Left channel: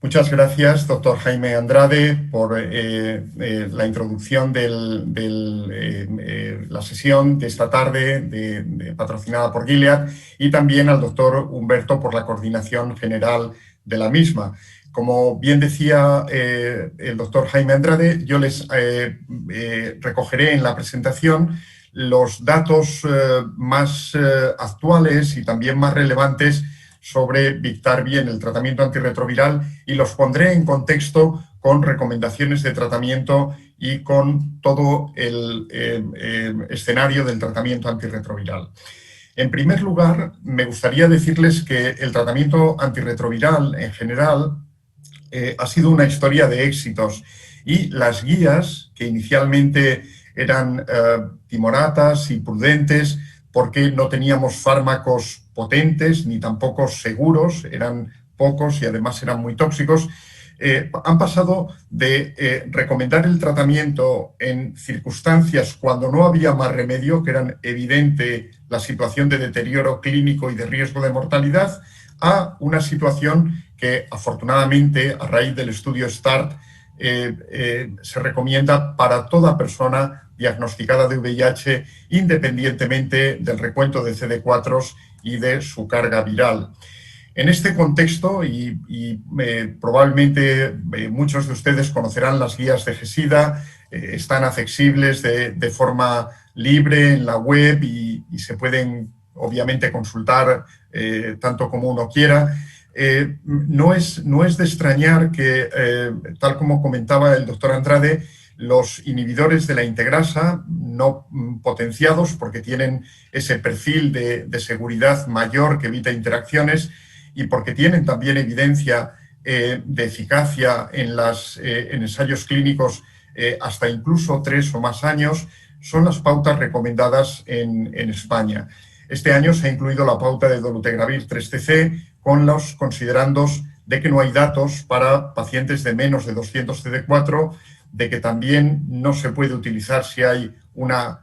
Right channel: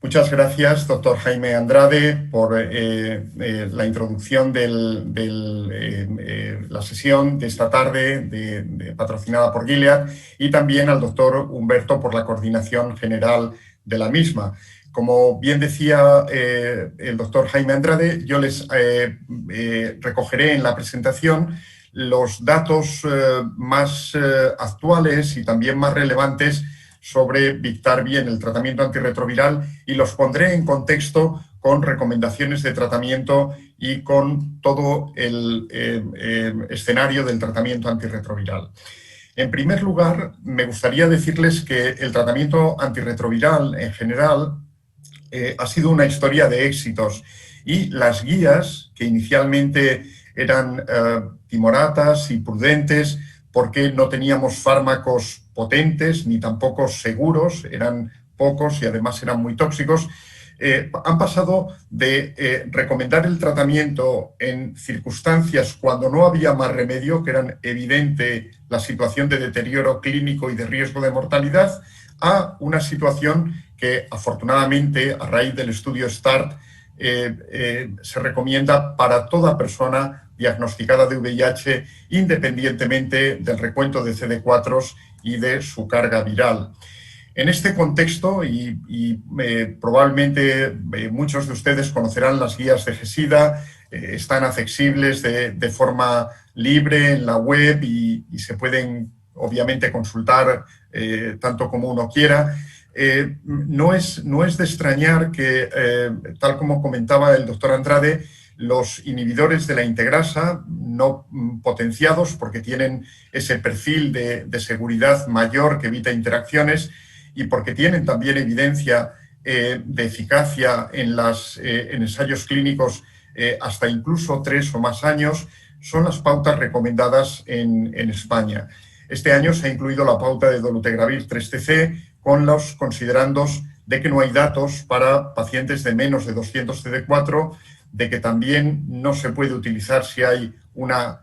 Muchas gracias, doctor Jaime Andrade, por la introducción de la sesión de esta tarde patrocinada por Gilead, y también al doctor Humberto por la coordinación general de la misma. Como bien decía el doctor Jaime Andrade, yo les recogeré en la presentación los datos más actuales y también más relevantes sobre Biktarvy en el tratamiento antirretroviral, y los pondré en contexto con recomendaciones de tratamiento y con todo el escenario del tratamiento antirretroviral. En primer lugar, me gustaría decirles que el tratamiento antirretroviral en general ha sido una historia de éxitos, y las guías, que inicialmente eran timoratas y prudentes porque no teníamos fármacos potentes ni tampoco seguros, eran pocos y además eran muy tóxicos, han pasado de recomendar el tratamiento en circunstancias cuando no había más remedio, que eran evidente la situación de deterioro clínico y de riesgo de mortalidad, a una situación que afortunadamente a raíz del estudio START se recomienda para toda persona diagnosticada de VIH, independientemente del recuento de CD4 y de su carga viral. En este contexto, probablemente muchos de ustedes conocerán las guías de GESIDA, están accesibles de forma libre en la web y se pueden obviamente consultar tanto como uno quiera. No es de extrañar que, tal como comentaba el doctor Andrade, los inhibidores de la integrasa no potenciados, porque tienen ese perfil de seguridad mayor que evita interacciones y porque tienen también evidencia de eficacia en ensayos clínicos hasta incluso 3 o más años, son las pautas recomendadas en España. Este año se ha incluido la pauta de dolutegravir 3TC con los considerandos de que no hay datos para pacientes de menos de 200 CD4, de que también no se puede utilizar si hay una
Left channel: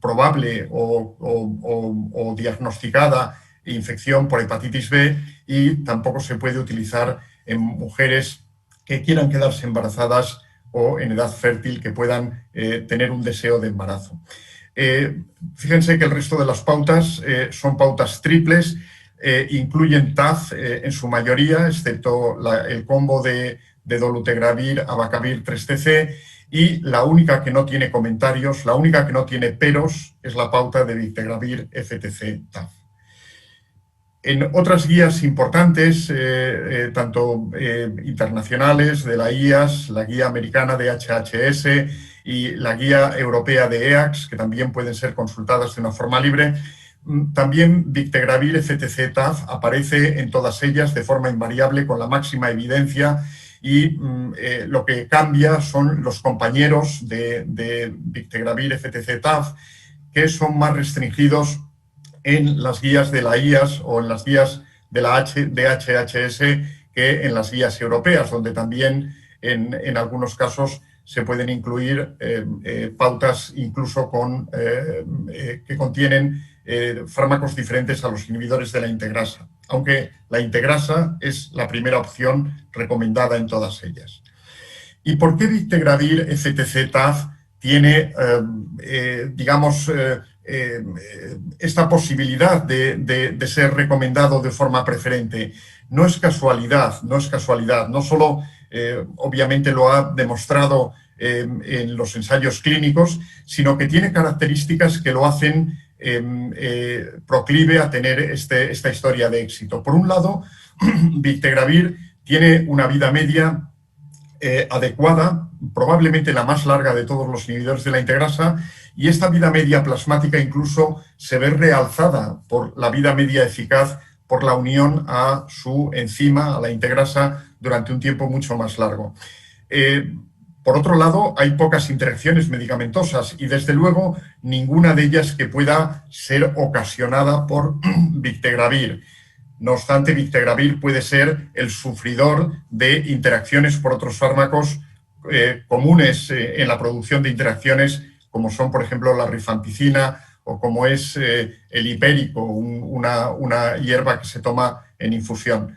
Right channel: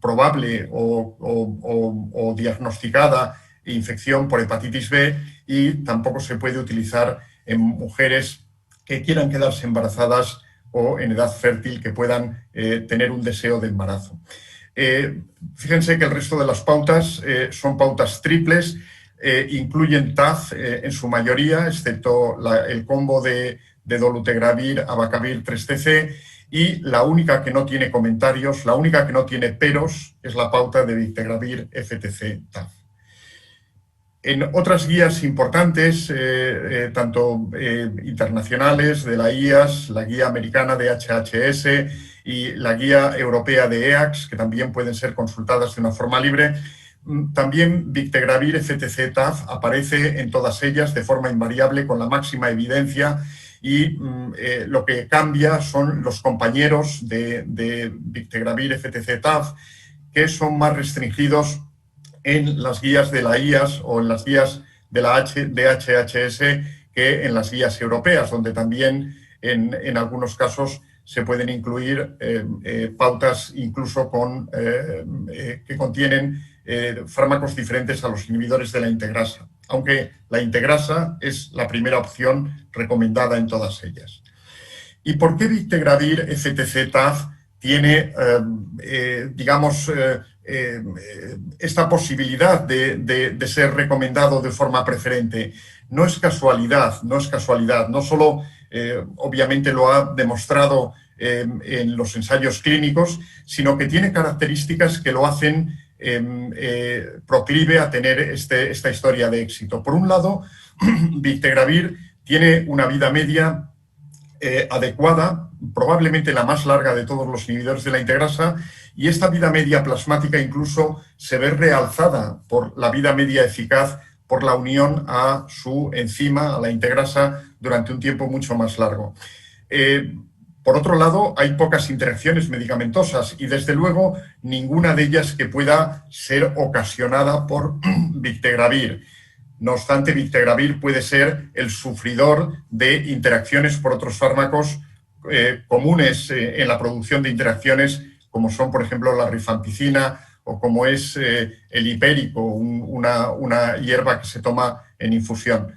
probable o diagnosticada infección por hepatitis B, y tampoco se puede utilizar en mujeres que quieran quedarse embarazadas o en edad fértil que puedan tener un deseo de embarazo. Fíjense que el resto de las pautas son pautas triples, incluyen TAF en su mayoría, excepto el combo de dolutegravir, abacavir 3TC, y la única que no tiene comentarios, la única que no tiene peros, es la pauta de bictegravir FTC-TAF. En otras guías importantes, tanto internacionales de la IAS, la guía americana de HHS y la guía europea de EACS, que también pueden ser consultadas de una forma libre, también bictegravir FTC-TAF aparece en todas ellas de forma invariable con la máxima evidencia, y lo que cambia son los compañeros de bictegravir FTC-TAF, que son más restringidos en las guías de la IAS o en las guías de la HHS que en las guías europeas, donde también en algunos casos se pueden incluir pautas incluso que contienen fármacos diferentes a los inhibidores de la integrasa, aunque la integrasa es la primera opción recomendada en todas ellas. ¿Y por qué bictegravir FTC-TAF tiene, digamos, esta posibilidad de ser recomendado de forma preferente? No es casualidad, no solo obviamente lo ha demostrado en los ensayos clínicos, sino que tiene características que lo hacen proclive a tener esta historia de éxito. Por un lado, bictegravir tiene una vida media adecuada, probablemente la más larga de todos los inhibidores de la integrasa, y esta vida media plasmática incluso se ve realzada por la vida media eficaz por la unión a su enzima, a la integrasa, durante un tiempo mucho más largo. Por otro lado, hay pocas interacciones medicamentosas y, desde luego, ninguna de ellas que pueda ser ocasionada por bictegravir. No obstante, bictegravir puede ser el sufridor de interacciones por otros fármacos comunes en la producción de interacciones, como son, por ejemplo, la rifampicina o como es el hipérico, una hierba que se toma en infusión.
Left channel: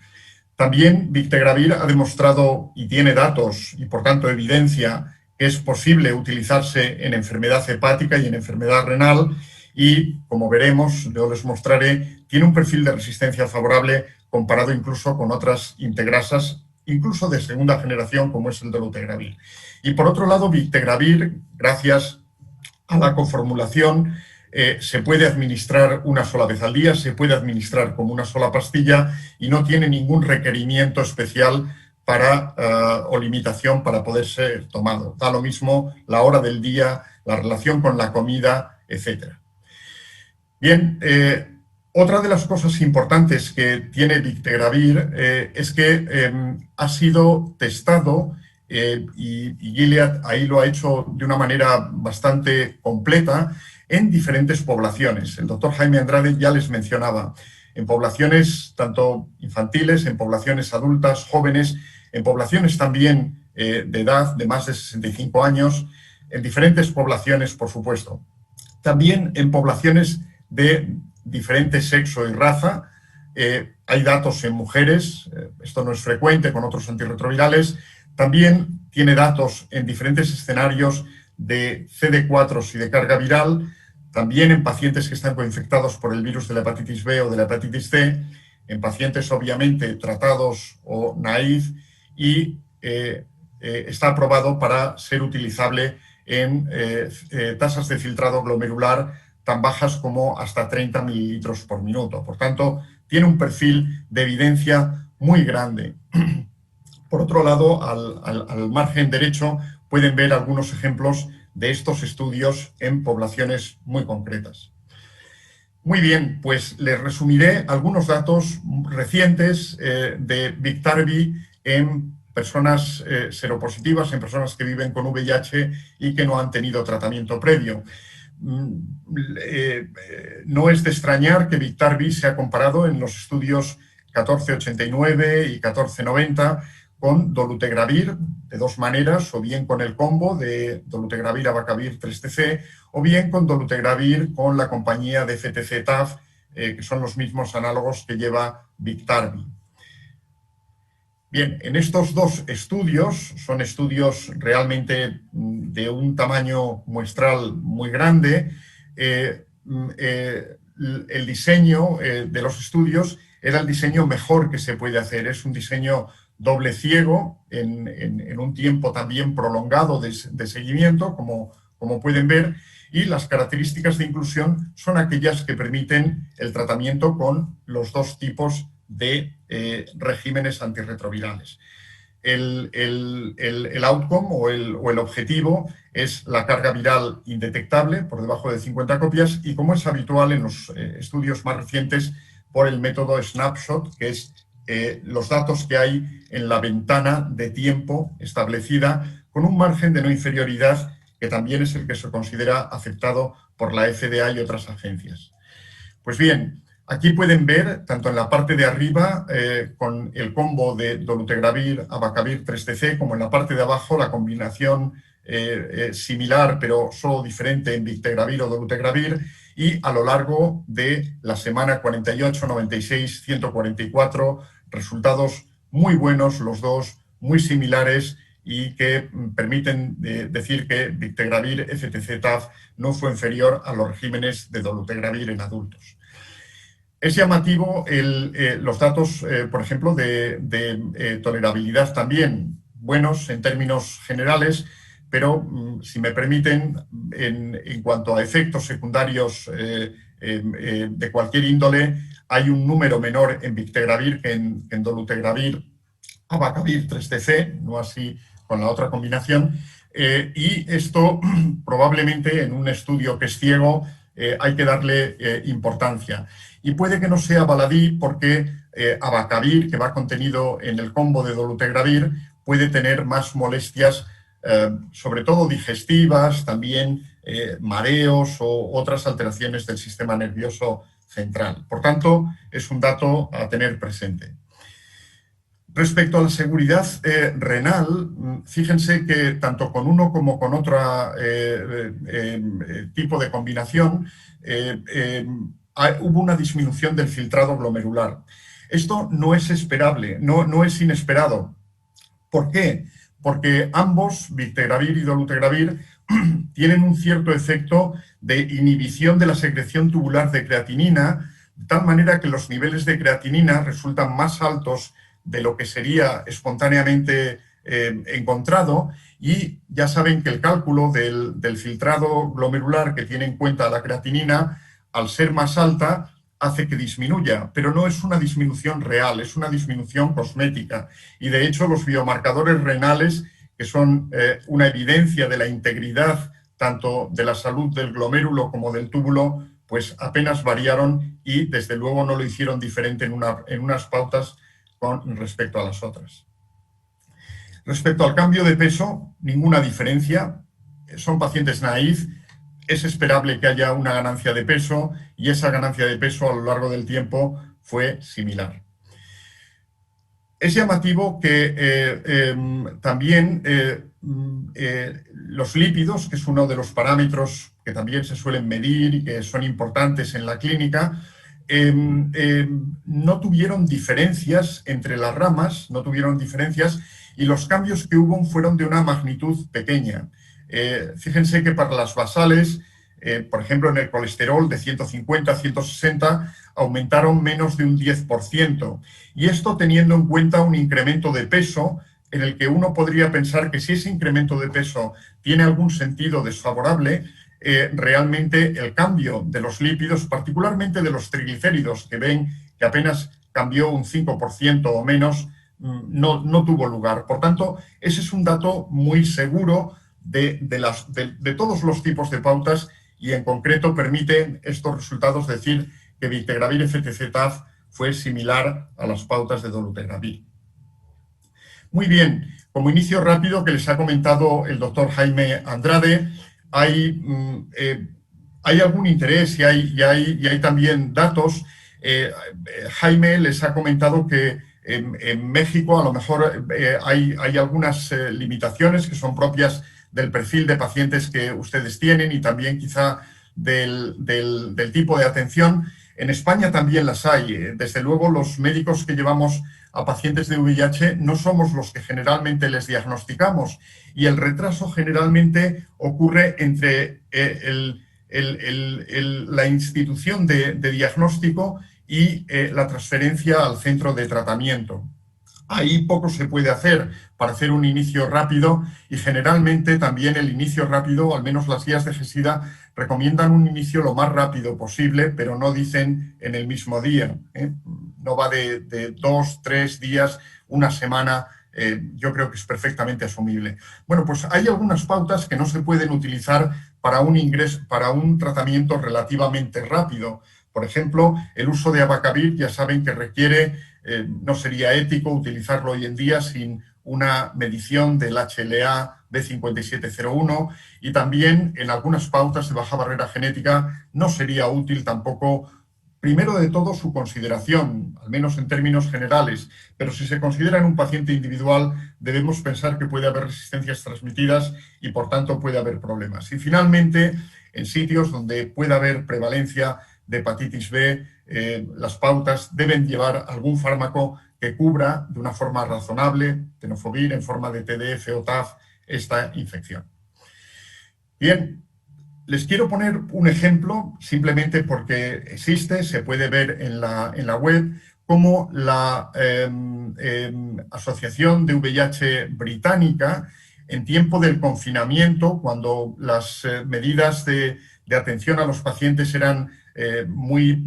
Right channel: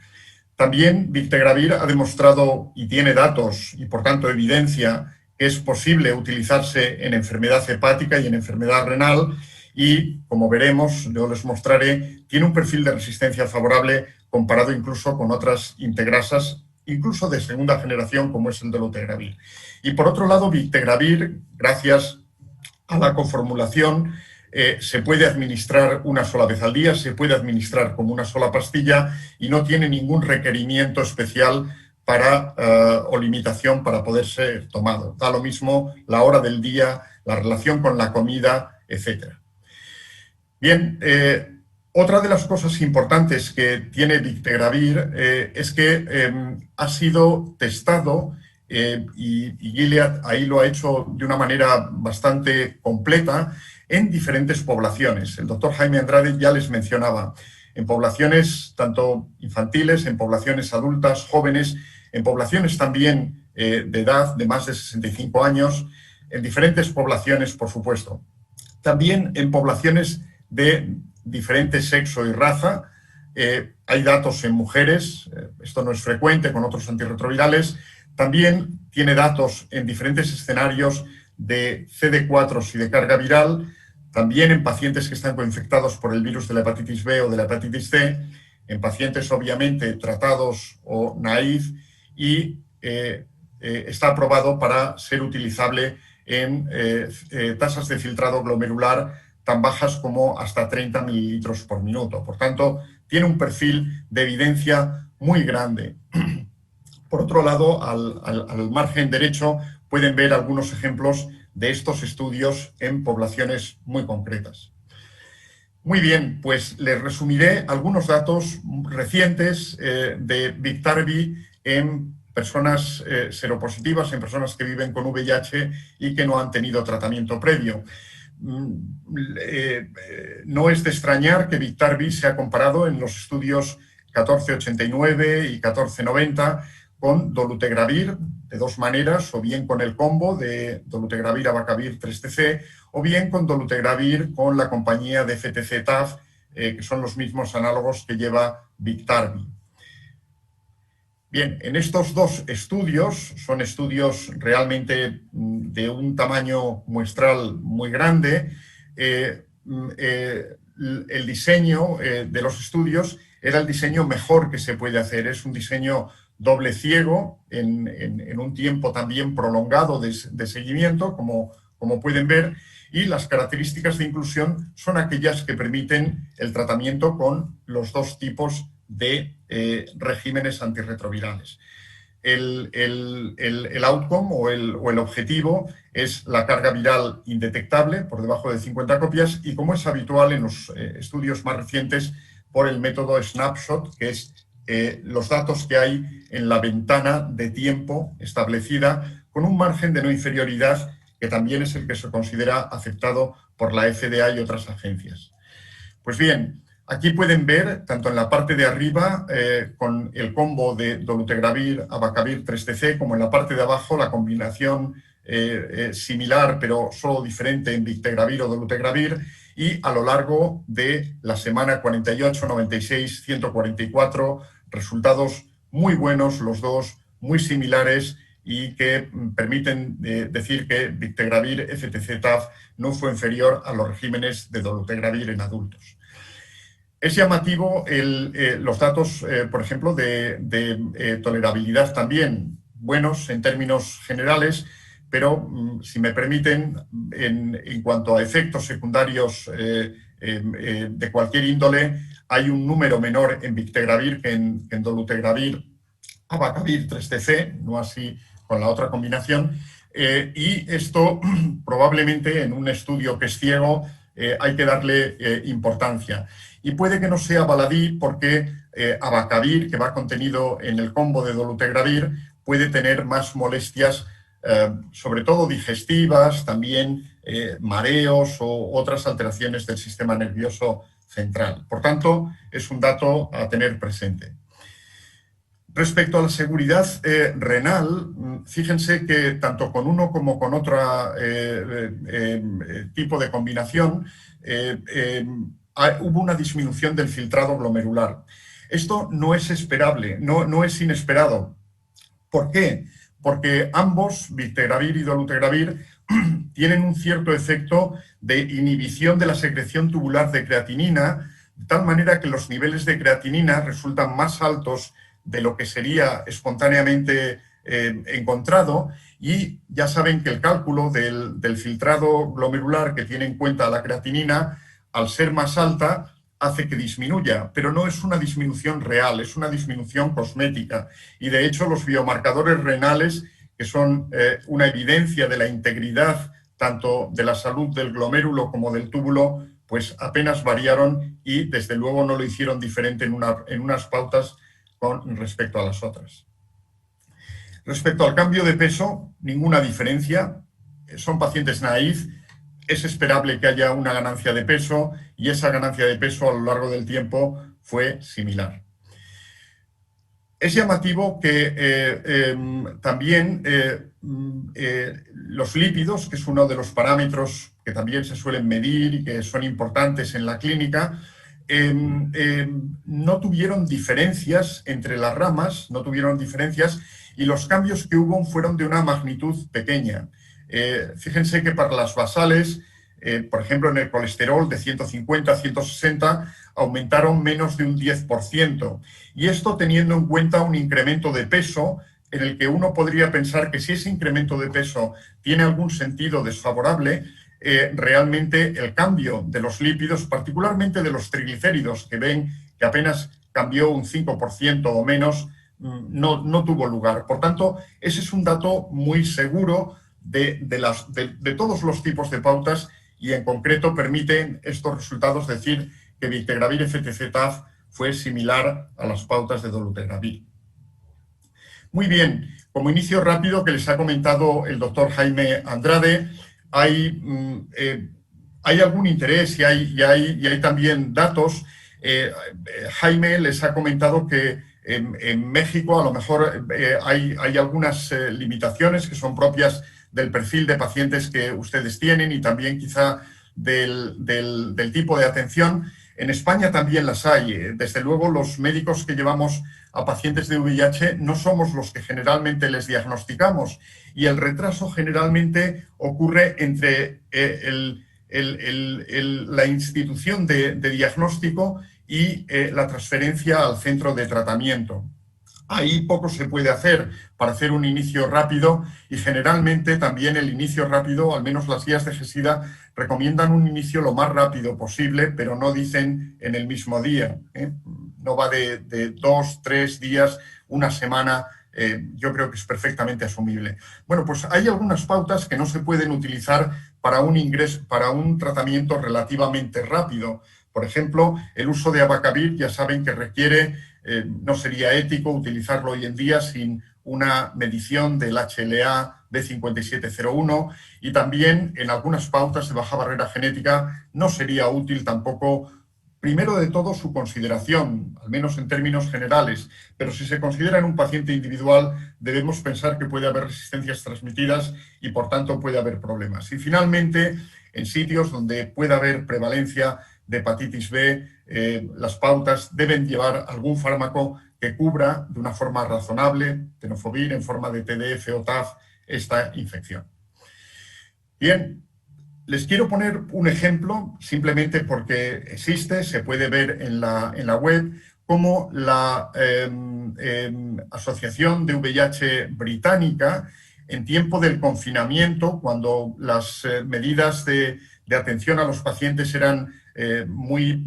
También Bictegravir ha demostrado y tiene datos y por tanto evidencia que es posible utilizarse en enfermedad hepática y en enfermedad renal y, como veremos, yo les mostraré, tiene un perfil de resistencia favorable comparado incluso con otras integrasas, incluso de segunda generación como es el dolutegravir. Y por otro lado, Bictegravir, gracias a la coformulación, se puede administrar una sola vez al día, se puede administrar como una sola pastilla y no tiene ningún requerimiento especial o limitación para poder ser tomado. Da lo mismo la hora del día, la relación con la comida, etc. Bien, otra de las cosas importantes que tiene Bictegravir es que ha sido testado y Gilead ahí lo ha hecho de una manera bastante completa en diferentes poblaciones. El doctor Jaime Andrade ya les mencionaba, en poblaciones tanto infantiles, en poblaciones adultas, jóvenes, en poblaciones también de edad de más de 65 años, en diferentes poblaciones, por supuesto. También en poblaciones de diferente sexo y raza. Hay datos en mujeres, esto no es frecuente con otros antirretrovirales. También tiene datos en diferentes escenarios de CD4 y de carga viral, también en pacientes que están coinfectados por el virus de la hepatitis B o de la hepatitis C, en pacientes obviamente tratados o naïf y está aprobado para ser utilizable en tasas de filtrado glomerular tan bajas como hasta 30 mililitros por minuto. Por tanto, tiene un perfil de evidencia muy grande. Por otro lado, al margen derecho pueden ver algunos ejemplos de estos estudios en poblaciones muy concretas. Muy bien, pues les resumiré algunos datos recientes de Biktarvy en personas seropositivas, en personas que viven con VIH y que no han tenido tratamiento previo. No es de extrañar que Biktarvy se ha comparado en los estudios 1489 y 1490 con dolutegravir de dos maneras, o bien con el combo de dolutegravir abacavir 3TC, o bien con dolutegravir con la compañía de FTC-TAF, que son los mismos análogos que lleva Biktarvy. Bien, en estos dos estudios, son estudios realmente de un tamaño muestral muy grande, el diseño de los estudios era el diseño mejor que se puede hacer. Es un diseño doble ciego en un tiempo también prolongado de seguimiento, como pueden ver, y las características de inclusión son aquellas que permiten el tratamiento con los dos tipos de regímenes antirretrovirales. El outcome o el objetivo es la carga viral indetectable por debajo de 50 copias y, como es habitual en los estudios más recientes, por el método snapshot, que es los datos que hay en la ventana de tiempo establecida con un margen de no inferioridad que también es el que se considera aceptado por la FDA y otras agencias. Pues bien, aquí pueden ver, tanto en la parte de arriba, con el combo de dolutegravir, abacavir 3TC, como en la parte de abajo, la combinación similar, pero solo diferente en Bictegravir o dolutegravir, y a lo largo de la semana 48, 96, 144, resultados muy buenos los dos, muy similares, y que permiten decir que Bictegravir FTC-TAF no fue inferior a los regímenes de dolutegravir en adultos. Es llamativo los datos, por ejemplo, de tolerabilidad también, buenos en términos generales, pero si me permiten, en cuanto a efectos secundarios de cualquier índole, hay un número menor en Bictegravir que en dolutegravir abacavir 3TC, no así con la otra combinación, y esto probablemente en un estudio que es ciego hay que darle importancia. Y puede que no sea baladí porque abacavir, que va contenido en el combo de dolutegravir, puede tener más molestias, sobre todo digestivas, también mareos o otras alteraciones del sistema nervioso central. Por tanto, es un dato a tener presente. Respecto a la seguridad renal, fíjense que tanto con uno como con otro tipo de combinación hubo una disminución del filtrado glomerular. Esto no es esperable, no es inesperado. ¿Por qué? Porque ambos, bictegravir y dolutegravir, tienen un cierto efecto de inhibición de la secreción tubular de creatinina, de tal manera que los niveles de creatinina resultan más altos de lo que sería espontáneamente encontrado, y ya saben que el cálculo del filtrado glomerular que tiene en cuenta la creatinina, al ser más alta, hace que disminuya, pero no es una disminución real, es una disminución cosmética. Y de hecho los biomarcadores renales, que son una evidencia de la integridad tanto de la salud del glomérulo como del túbulo, pues apenas variaron y desde luego no lo hicieron diferente en unas pautas con respecto a las otras. Respecto al cambio de peso, ninguna diferencia. Son pacientes naïf. Es esperable que haya una ganancia de peso y esa ganancia de peso a lo largo del tiempo fue similar. Es llamativo que también los lípidos, que es uno de los parámetros que también se suelen medir y que son importantes en la clínica, no tuvieron diferencias entre las ramas, no tuvieron diferencias, y los cambios que hubo fueron de una magnitud pequeña. Fíjense que para las basales, por ejemplo, en el colesterol de 150 a 160 aumentaron menos de un 10%. Y esto teniendo en cuenta un incremento de peso en el que uno podría pensar que si ese incremento de peso tiene algún sentido desfavorable, realmente el cambio de los lípidos, particularmente de los triglicéridos, que ven que apenas cambió un 5% o menos, no tuvo lugar. Por tanto, ese es un dato muy seguro de todos los tipos de pautas, y en concreto permiten estos resultados decir que bictegravir FTZ-TAF fue similar a las pautas de dolutegravir. Muy bien, como inicio rápido que les ha comentado el doctor Jaime Andrade, hay algún interés y hay también datos. Jaime les ha comentado que en México a lo mejor hay algunas limitaciones que son propias del perfil de pacientes que ustedes tienen y también quizá del tipo de atención. En España también las hay. Desde luego, los médicos que llevamos a pacientes de VIH no somos los que generalmente les diagnosticamos, y el retraso generalmente ocurre entre la institución de diagnóstico y la transferencia al centro de tratamiento. Ahí poco se puede hacer para hacer un inicio rápido, y generalmente también el inicio rápido, al menos las guías de GESIDA, recomiendan un inicio lo más rápido posible, pero no dicen en el mismo día. No va de 2, 3 días, una semana. Yo creo que es perfectamente asumible. Bueno, pues hay algunas pautas que no se pueden utilizar para un tratamiento relativamente rápido. Por ejemplo, el uso de abacavir, ya saben que requiere, no sería ético utilizarlo hoy en día sin una medición del HLA B5701, y también en algunas pautas de baja barrera genética no sería útil tampoco, primero de todo, su consideración, al menos en términos generales, pero si se considera en un paciente individual debemos pensar que puede haber resistencias transmitidas y por tanto puede haber problemas. Y finalmente, en sitios donde pueda haber prevalencia de hepatitis B, las pautas deben llevar algún fármaco que cubra de una forma razonable, tenofovir en forma de TDF o TAF, esta infección. Bien, les quiero poner un ejemplo, simplemente porque existe, se puede ver en la web, cómo la Asociación de VIH británica, en tiempo del confinamiento, cuando las medidas de atención a los pacientes eran muy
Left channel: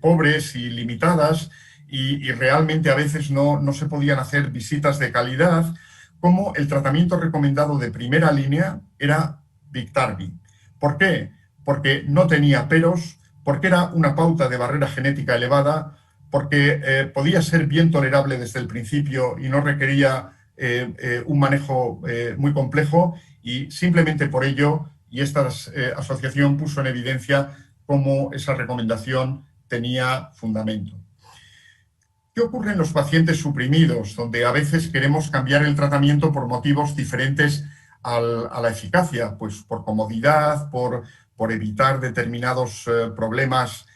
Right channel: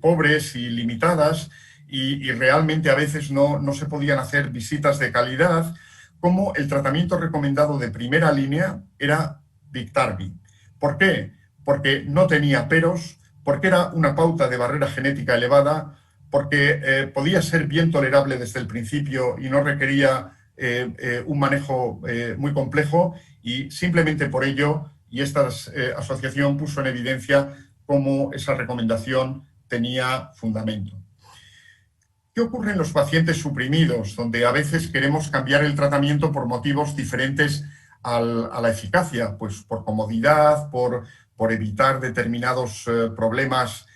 pobres y limitadas, y realmente a veces no se podían hacer visitas de calidad, como el tratamiento recomendado de primera línea era Biktarvy. ¿Por qué? Porque no tenía peros, porque era una pauta de barrera genética elevada, porque podía ser bien tolerable desde el principio y no requería un manejo muy complejo, y simplemente por ello, y esta asociación puso en evidencia cómo esa recomendación tenía fundamento. ¿Qué ocurre en los pacientes suprimidos, donde a veces queremos cambiar el tratamiento por motivos diferentes a la eficacia? Pues por comodidad, por evitar determinados problemas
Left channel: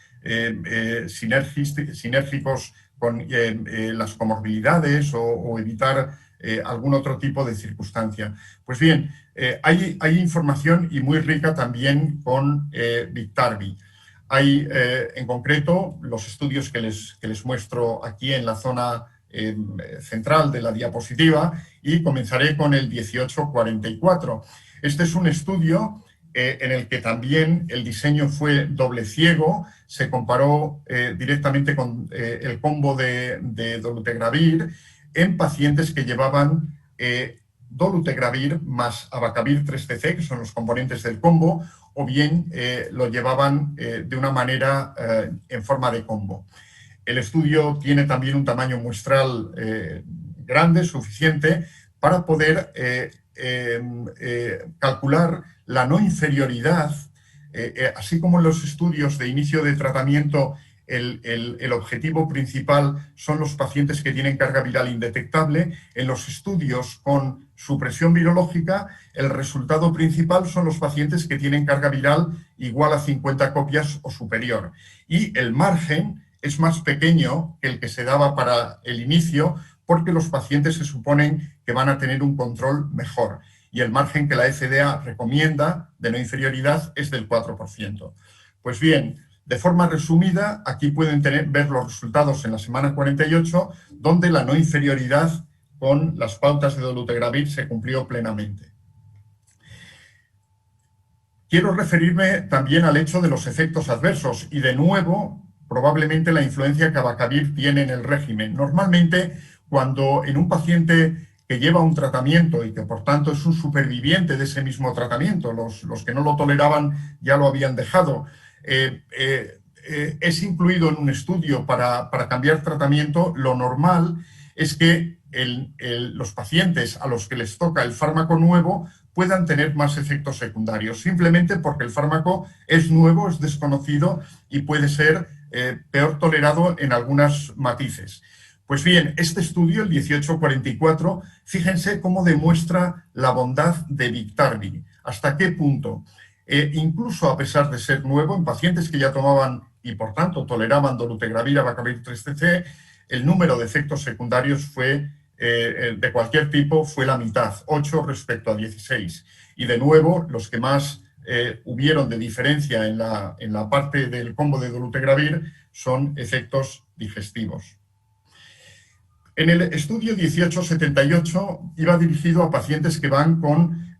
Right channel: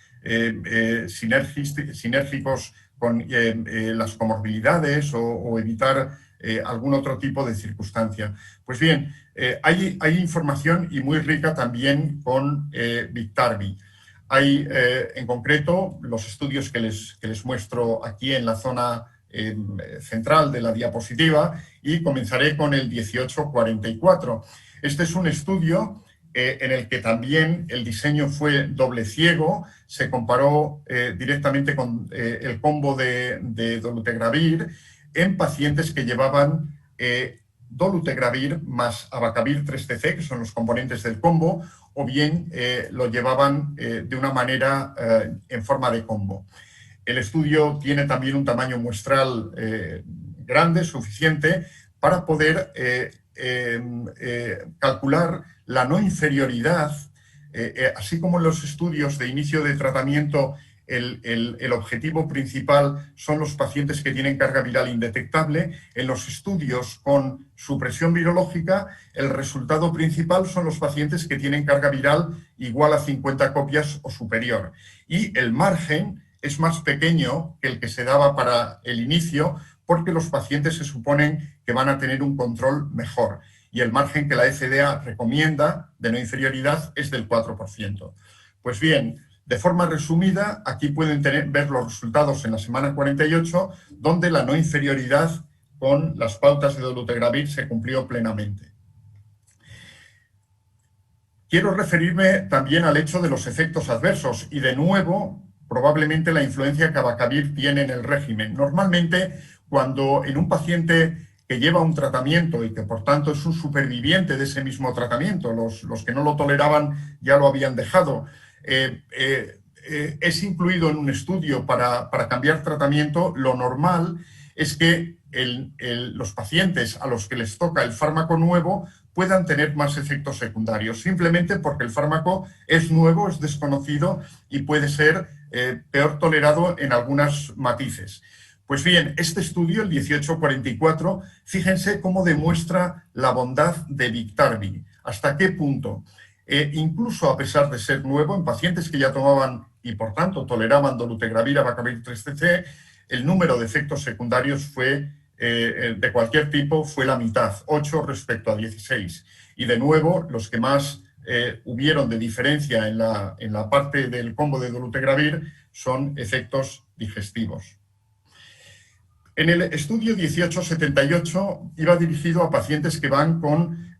sinérgicos las comorbilidades o evitar algún otro tipo de circunstancia. Pues bien, hay información y muy rica también con Biktarvy. Hay, en concreto, los estudios que les muestro aquí en la zona central de la diapositiva, y comenzaré con el 1844. Este es un estudio en el que también el diseño fue doble ciego. Se comparó directamente con el combo de dolutegravir en pacientes que llevaban dolutegravir más abacavir 3TC, que son los componentes del combo, o bien lo llevaban de una manera en forma de combo. El estudio tiene también un tamaño muestral grande, suficiente, para poder calcular la no inferioridad, así como en los estudios de inicio de tratamiento. El objetivo principal son los pacientes que tienen carga viral indetectable. En los estudios con supresión virológica, el resultado principal son los pacientes que tienen carga viral igual a 50 copias o superior. Y el margen es más pequeño que el que se daba para el inicio, porque los pacientes se suponen que van a tener un control mejor. Y el margen que la FDA recomienda de no inferioridad es del 4%. Pues bien, de forma resumida, aquí pueden ver los resultados en la semana 48, donde la no inferioridad con las pautas de dolutegravir se cumplió plenamente. Quiero referirme también al hecho de los efectos adversos y, de nuevo, probablemente la influencia que abacavir tiene en el régimen. Normalmente, cuando en un paciente que lleva un tratamiento y que por tanto es un superviviente de ese mismo tratamiento, los que no lo toleraban ya lo habían dejado, es incluido en un estudio para cambiar tratamiento, lo normal es que los pacientes a los que les toca el fármaco nuevo puedan tener más efectos secundarios, simplemente porque el fármaco es nuevo, es desconocido y puede ser peor tolerado en algunos matices. Pues bien, este estudio, el 1844, fíjense cómo demuestra la bondad de Biktarvy. ¿Hasta qué punto? Incluso a pesar de ser nuevo, en pacientes que ya tomaban y por tanto toleraban dolutegravir, abacavir 3TC, el número de efectos secundarios fue de cualquier tipo fue la mitad, 8 respecto a 16. Y de nuevo, los que más hubieron de diferencia en la parte del combo de dolutegravir son efectos digestivos. En el estudio 1878 iba dirigido a pacientes que van con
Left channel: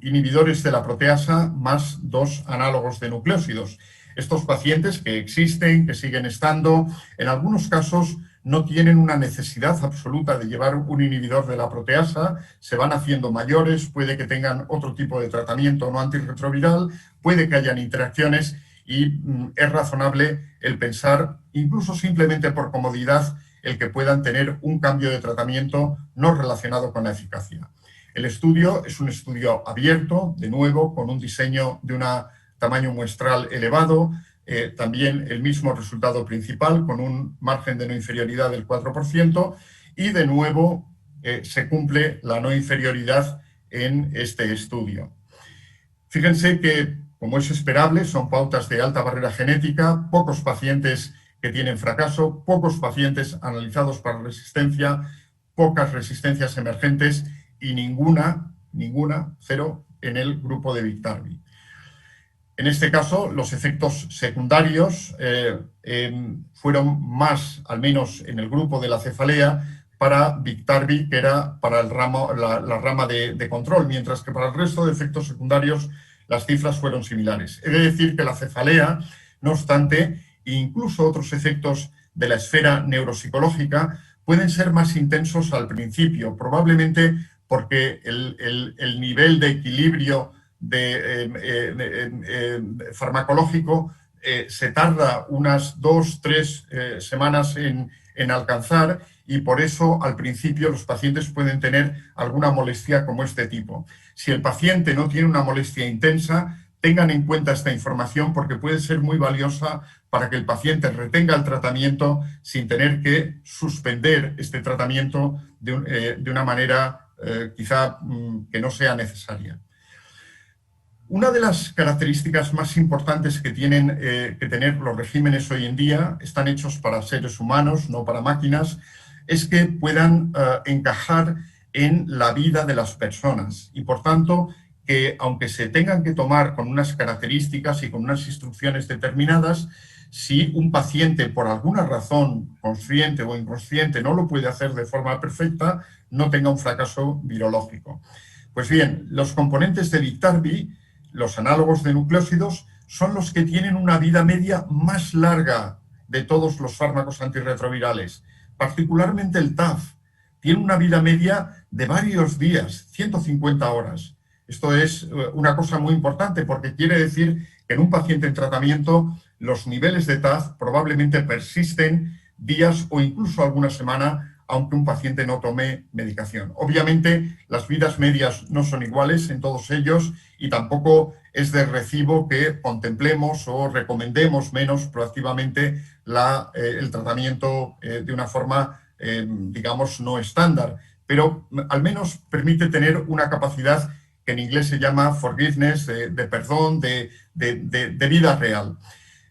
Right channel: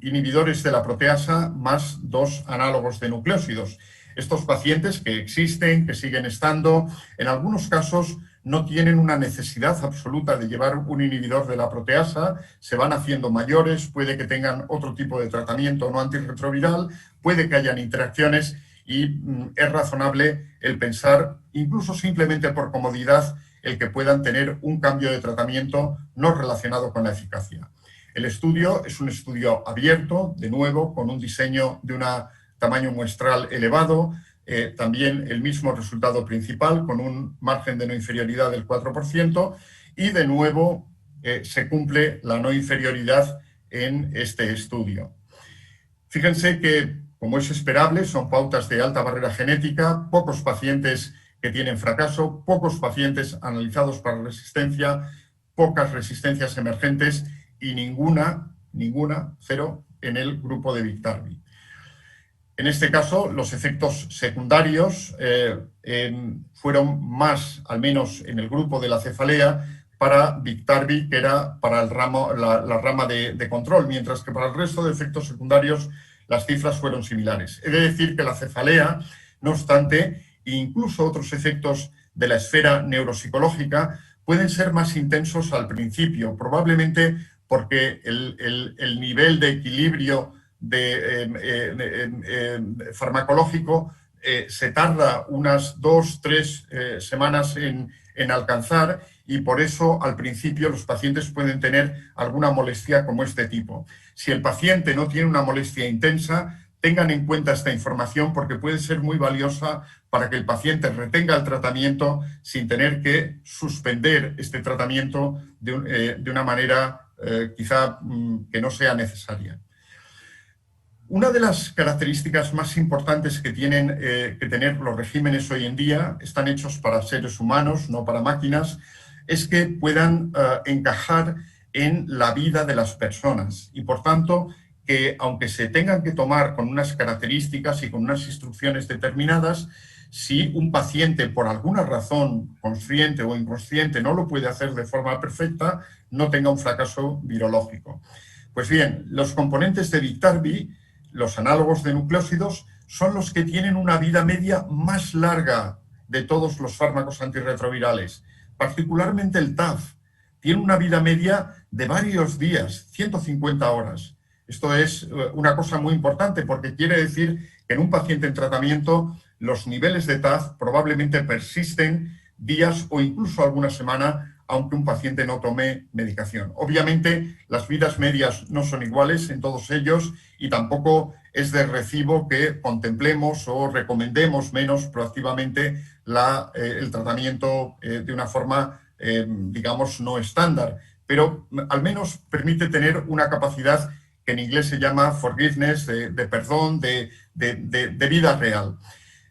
inhibidores de la proteasa más 2 análogos de nucleósidos. Estos pacientes que existen, que siguen estando, en algunos casos no tienen una necesidad absoluta de llevar un inhibidor de la proteasa, se van haciendo mayores, puede que tengan otro tipo de tratamiento no antirretroviral, puede que hayan interacciones y es razonable el pensar, incluso simplemente por comodidad, el que puedan tener un cambio de tratamiento no relacionado con la eficacia. El estudio es un estudio abierto, de nuevo, con un diseño de un tamaño muestral elevado, también el mismo resultado principal, con un margen de no inferioridad del 4%, y de nuevo se cumple la no inferioridad en este estudio. Fíjense que, como es esperable, son pautas de alta barrera genética, pocos pacientes que tienen fracaso, pocos pacientes analizados para resistencia, pocas resistencias emergentes y ninguna, cero, en el grupo de Biktarvy. En este caso, los efectos secundarios fueron más, al menos en el grupo de la cefalea, para Biktarvy, que era para la rama de control, mientras que para el resto de efectos secundarios las cifras fueron similares. He de decir que la cefalea, no obstante, incluso otros efectos de la esfera neuropsicológica pueden ser más intensos al principio, probablemente porque el nivel de equilibrio farmacológico se tarda unas 2-3 semanas en alcanzar, y por eso al principio los pacientes pueden tener alguna molestia como este tipo. Si el paciente no tiene una molestia intensa, tengan en cuenta esta información porque puede ser muy valiosa para que el paciente retenga el tratamiento sin tener que suspender este tratamiento de una manera quizá que no sea necesaria. Una de las características más importantes que tienen que tener los regímenes hoy en día, están hechos para seres humanos, no para máquinas, es que puedan encajar en la vida de las personas y, por tanto, que aunque se tengan que tomar con unas características y con unas instrucciones determinadas, si un paciente por alguna razón consciente o inconsciente no lo puede hacer de forma perfecta, no tenga un fracaso virológico. Pues bien, los componentes de Biktarvy, los análogos de nucleósidos, son los que tienen una vida media más larga de todos los fármacos antirretrovirales. Particularmente el TAF tiene una vida media de varios días, 150 horas. Esto es una cosa muy importante porque quiere decir que en un paciente en tratamiento los niveles de TAF probablemente persisten días o incluso alguna semana, aunque un paciente no tome medicación. Obviamente, las vidas medias no son iguales en todos ellos y tampoco es de recibo que contemplemos o recomendemos menos proactivamente el tratamiento de una forma, digamos, no estándar, pero al menos permite tener una capacidad que en inglés se llama forgiveness, de perdón, de vida real.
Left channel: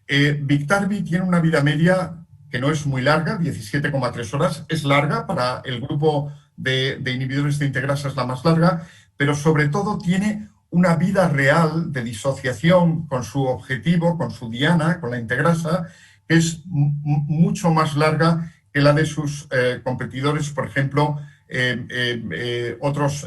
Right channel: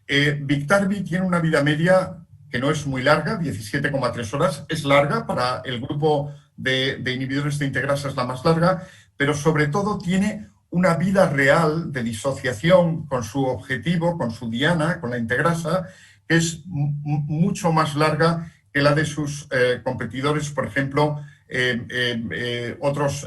Biktarvy tiene una vida media que no es muy larga, 17,3 horas, es larga, para el grupo de inhibidores de integrasa es la más larga, pero sobre todo tiene una vida real de disociación con su objetivo, con su diana, con la integrasa, que es mucho más larga que la de sus competidores, por ejemplo, otros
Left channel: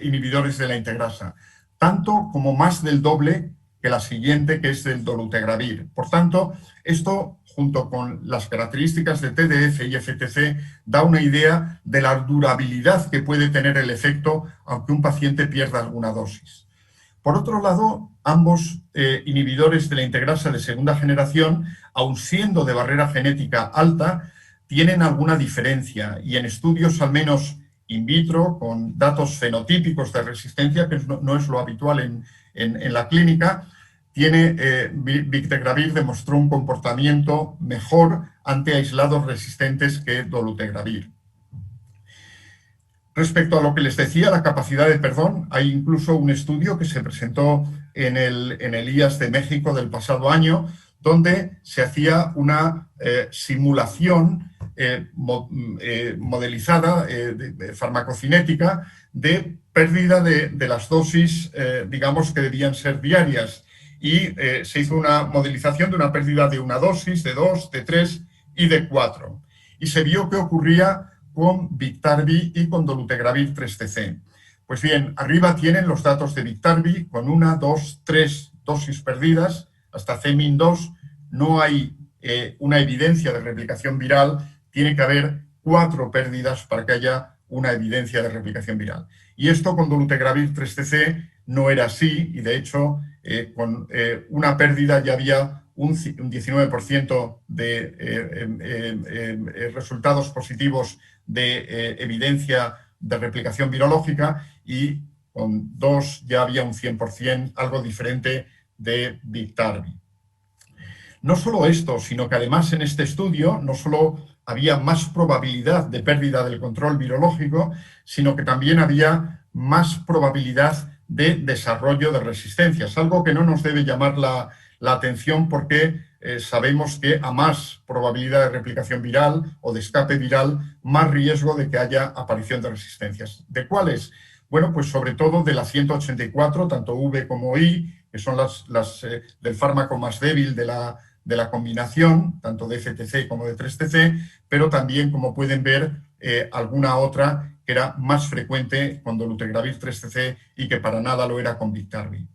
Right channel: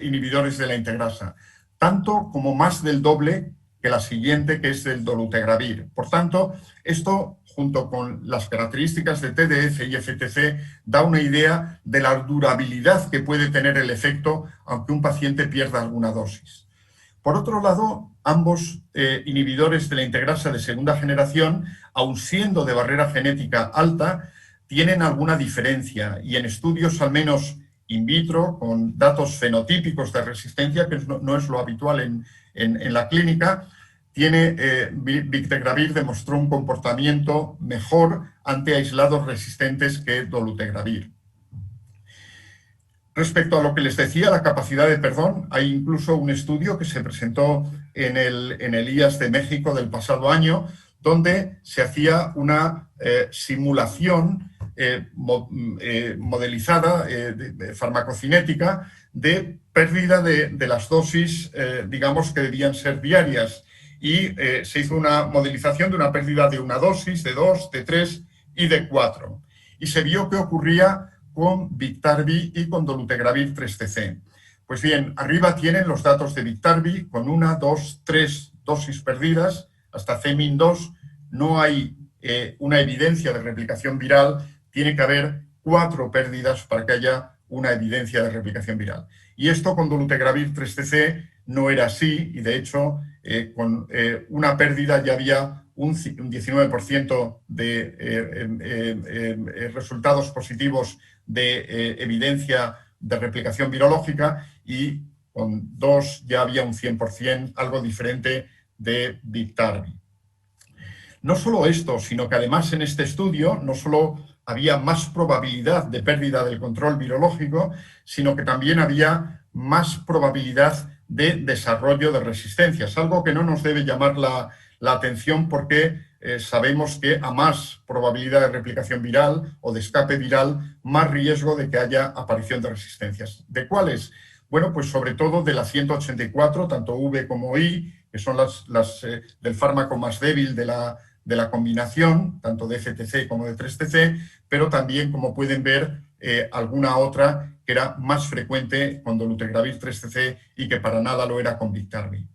inhibidores de la integrasa, tanto como más del doble que la siguiente, que es del dolutegravir. Por tanto, esto, junto con las características de TDF y FTC, da una idea de la durabilidad que puede tener el efecto aunque un paciente pierda alguna dosis. Por otro lado, ambos inhibidores de la integrasa de segunda generación, aun siendo de barrera genética alta, tienen alguna diferencia y en estudios al menos in vitro, con datos fenotípicos de resistencia, que no es lo habitual en la clínica, Biktarvy demostró un comportamiento mejor ante aislados resistentes que dolutegravir. Respecto a lo que les decía, la capacidad de perdón, hay incluso un estudio que se presentó en el IAS de México del pasado año, donde se hacía una simulación modelizada, farmacocinética, de pérdida de las dosis, digamos, que debían ser diarias. Y se hizo una modelización de una pérdida de una dosis, de 2, de 3 y de 4. Y se vio qué ocurría con Biktarvy y con dolutegravir 3TC. Pues bien, arriba tienen los datos de Biktarvy con 1, 2, 3 dosis perdidas, hasta CMIN2 no hay una evidencia de replicación viral, tiene que haber 4 pérdidas para que haya una evidencia de replicación viral. Y esto con dolutegravir 3TC no era así, y de hecho con una pérdida ya había un 19% de resultados positivos de evidencia de replicación virológica, y con 2 ya había un 100%, algo diferente, de Biktarvy. No solo esto, sino que además en este estudio no solo había más probabilidad de pérdida del control virológico, sino que también había más probabilidad de desarrollo de resistencias, algo que no nos debe llamar la atención porque sabemos que a más probabilidad de replicación viral o de escape viral, más riesgo de que haya aparición de resistencias. ¿De cuáles? Bueno, pues sobre todo de la 184, tanto V como I, que son las del fármaco más débil de la combinación, tanto de FTC como de 3TC, pero también, como pueden ver, alguna otra que era más frecuente con dolutegravir 3TC y que para nada lo era con Biktarvy.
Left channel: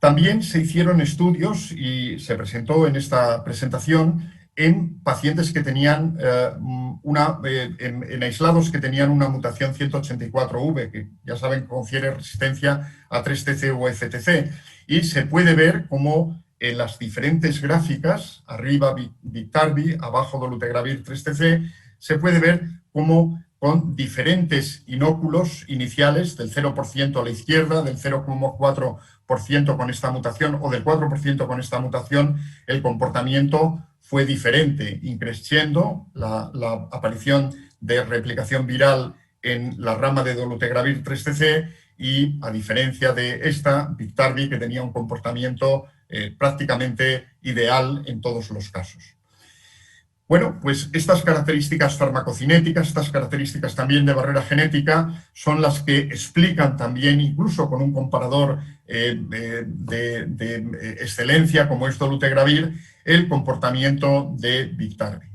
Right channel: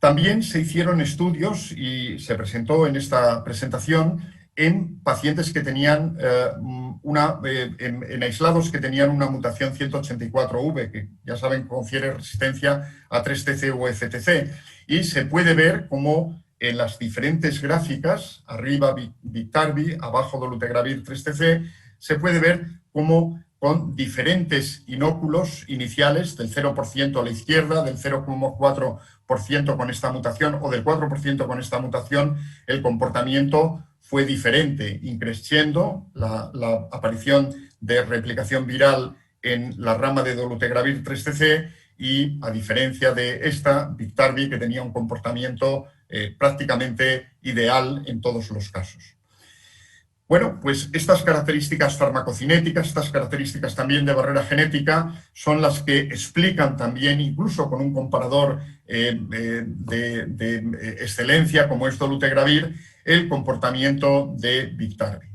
También se hicieron estudios y se presentó en esta presentación en pacientes que tenían en aislados que tenían una mutación 184V, que ya saben confiere resistencia a 3TC o FTC, y se puede ver cómo en las diferentes gráficas, arriba Biktarvy, abajo dolutegravir 3TC, se puede ver cómo con diferentes inóculos iniciales, del 0% a la izquierda, del 0,4% con esta mutación o del 4% con esta mutación, el comportamiento fue diferente, increciendo la aparición de replicación viral en la rama de dolutegravir 3TC y, a diferencia de esta, Biktarvy, que tenía un comportamiento prácticamente ideal en todos los casos. Bueno, pues estas características farmacocinéticas, estas características también de barrera genética, son las que explican también, incluso con un comparador de excelencia como es dolutegravir, el comportamiento de Biktarvy.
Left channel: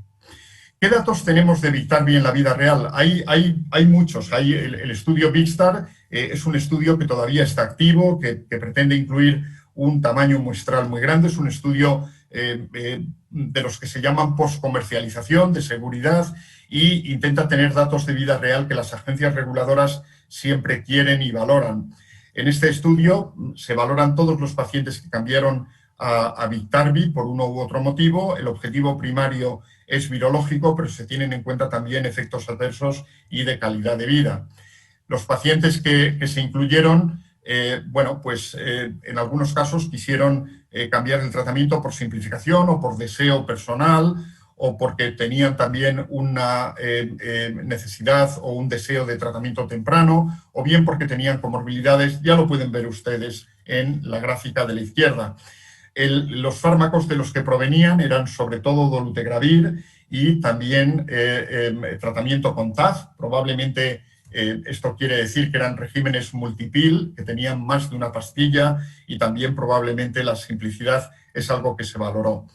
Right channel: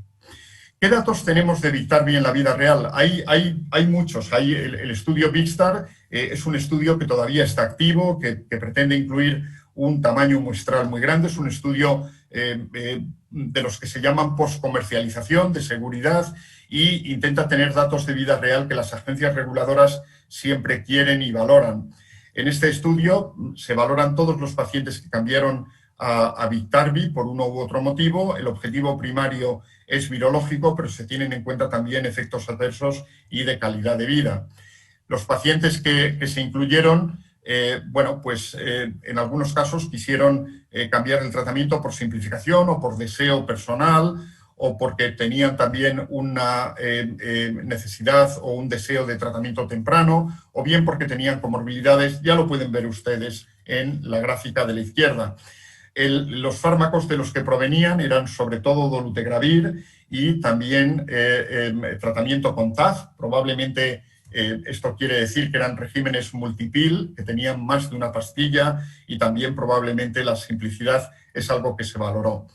¿Qué datos tenemos de Biktarvy en la vida real? Hay muchos. El estudio Bikstar es un estudio que todavía está activo, que pretende incluir un tamaño muestral muy grande. Es un estudio de los que se llaman post-comercialización, de seguridad, y intenta tener datos de vida real que las agencias reguladoras siempre quieren y valoran. En este estudio se valoran todos los pacientes que cambiaron a Biktarvy por uno u otro motivo. El objetivo primario es virológico, pero se tienen en cuenta también efectos adversos y de calidad de vida. Los pacientes que se incluyeron, en algunos casos quisieron cambiar el tratamiento por simplificación o por deseo personal, o porque tenían también una necesidad o un deseo de tratamiento temprano, o bien porque tenían comorbilidades. Ya lo pueden ver ustedes en la gráfica de la izquierda. Los fármacos de los que provenían eran sobre todo dolutegravir y también tratamiento con TAF. Probablemente esto quiere decir que eran regímenes multipil, que tenían más de una pastilla, y también probablemente la simplicidad es algo que se valoró.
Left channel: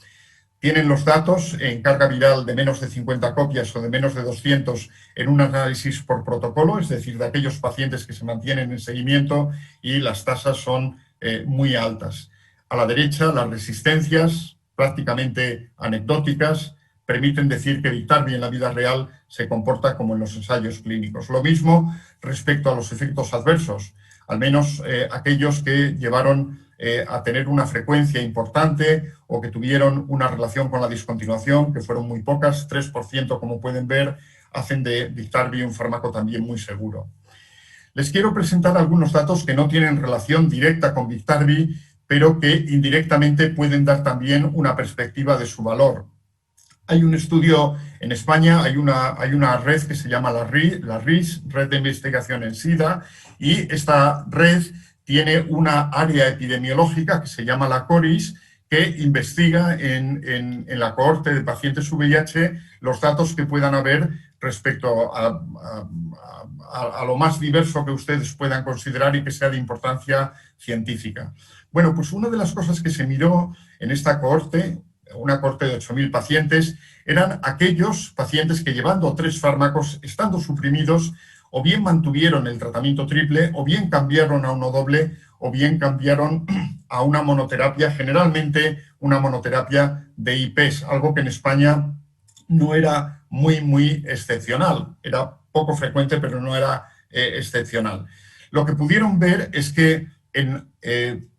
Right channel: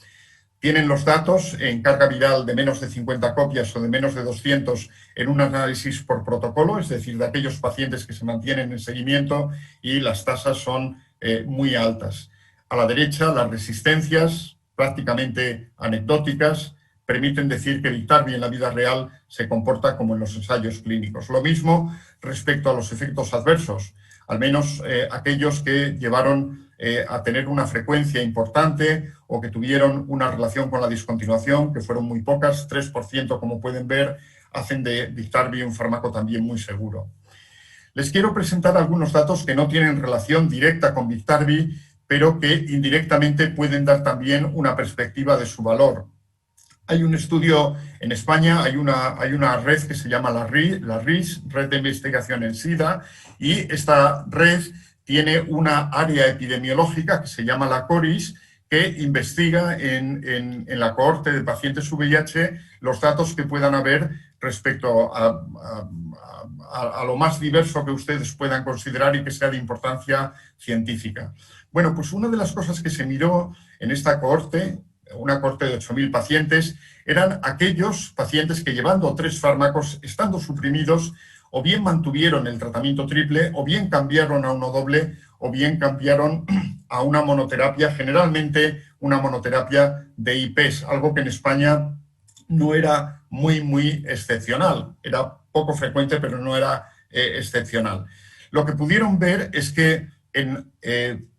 Tienen los datos en carga viral de menos de 50 copias o de menos de 200 en un análisis por protocolo, es decir, de aquellos pacientes que se mantienen en seguimiento, y las tasas son muy altas. A la derecha, las resistencias, prácticamente anecdóticas, permiten decir que Biktarvy en la vida real se comporta como en los ensayos clínicos. Lo mismo respecto a los efectos adversos, al menos aquellos que llevaron a tener una frecuencia importante o que tuvieron una relación con la discontinuación, que fueron muy pocas, 3%, como pueden ver, hacen de Biktarvy un fármaco también muy seguro. Les quiero presentar algunos datos que no tienen relación directa con Biktarvy, pero que indirectamente pueden dar también una perspectiva de su valor. Hay un estudio en España, hay una red que se llama la RIS, Red de Investigación en SIDA, y esta red tiene una área epidemiológica que se llama la CORIS, que investiga en la cohorte de pacientes VIH los datos que puedan haber respecto a lo más diverso que ustedes puedan considerar y que sea de importancia científica. Bueno, pues una de las cosas que se miró en esta cohorte, una cohorte de 8.000 pacientes, eran aquellos pacientes que, llevando 3 fármacos, estando suprimidos, o bien mantuvieron el tratamiento triple, o bien cambiaron a uno doble, o bien cambiaron a una monoterapia, generalmente una monoterapia de IPs, algo que en España no era muy excepcional. Era poco frecuente, pero no era excepcional. Lo que pudieron ver es que en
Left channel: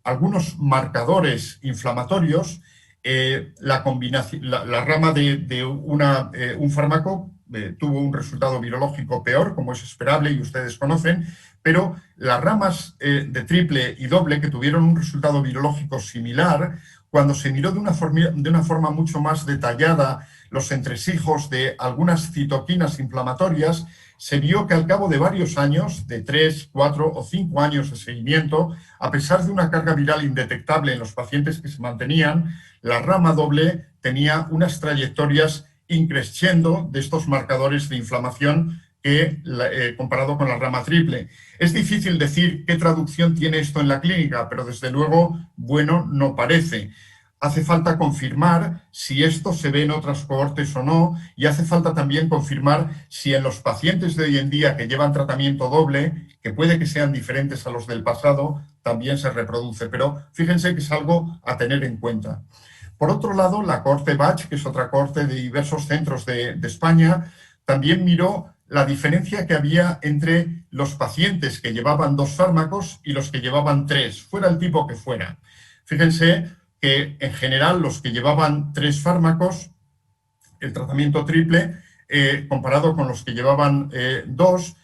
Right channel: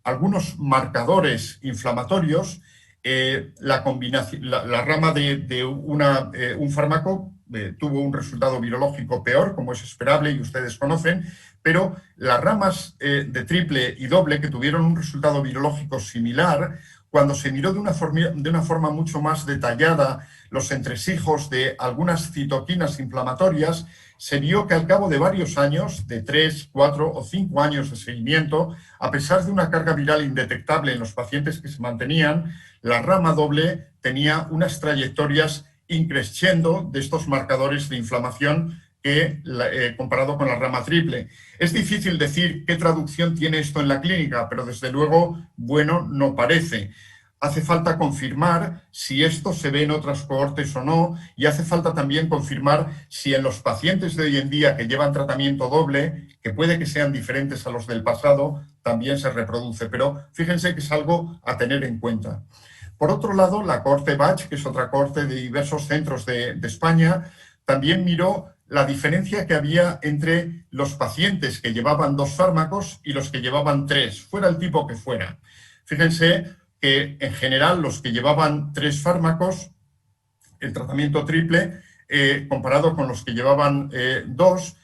algunos marcadores inflamatorios, la rama de un fármaco tuvo un resultado virológico peor, como es esperable y ustedes conocen, pero las ramas de triple y doble, que tuvieron un resultado virológico similar, cuando se miró de una forma mucho más detallada los entresijos de algunas citoquinas inflamatorias, se vio que al cabo de varios años, de 3, 4 o 5 años de seguimiento, a pesar de una carga viral indetectable en los pacientes que se mantenían, la rama doble tenía unas trayectorias increciendo de estos marcadores de inflamación comparado con la rama triple. Es difícil decir qué traducción tiene esto en la clínica, pero desde luego, bueno, no parece. Hace falta confirmar si esto se ve en otras cohortes o no, y hace falta también confirmar si en los pacientes de hoy en día que llevan tratamiento doble, que puede que sean diferentes a los del pasado, también se reproduce. Pero fíjense que es algo a tener en cuenta. Por otro lado, la cohorte BACH, que es otra cohorte de diversos centros de España, también miró la diferencia que había entre los pacientes que llevaban 2 fármacos y los que llevaban 3, fuera el tipo que fuera. Fíjense que en general los que llevaban 3 fármacos, el tratamiento triple, comparado con los que llevaban 2,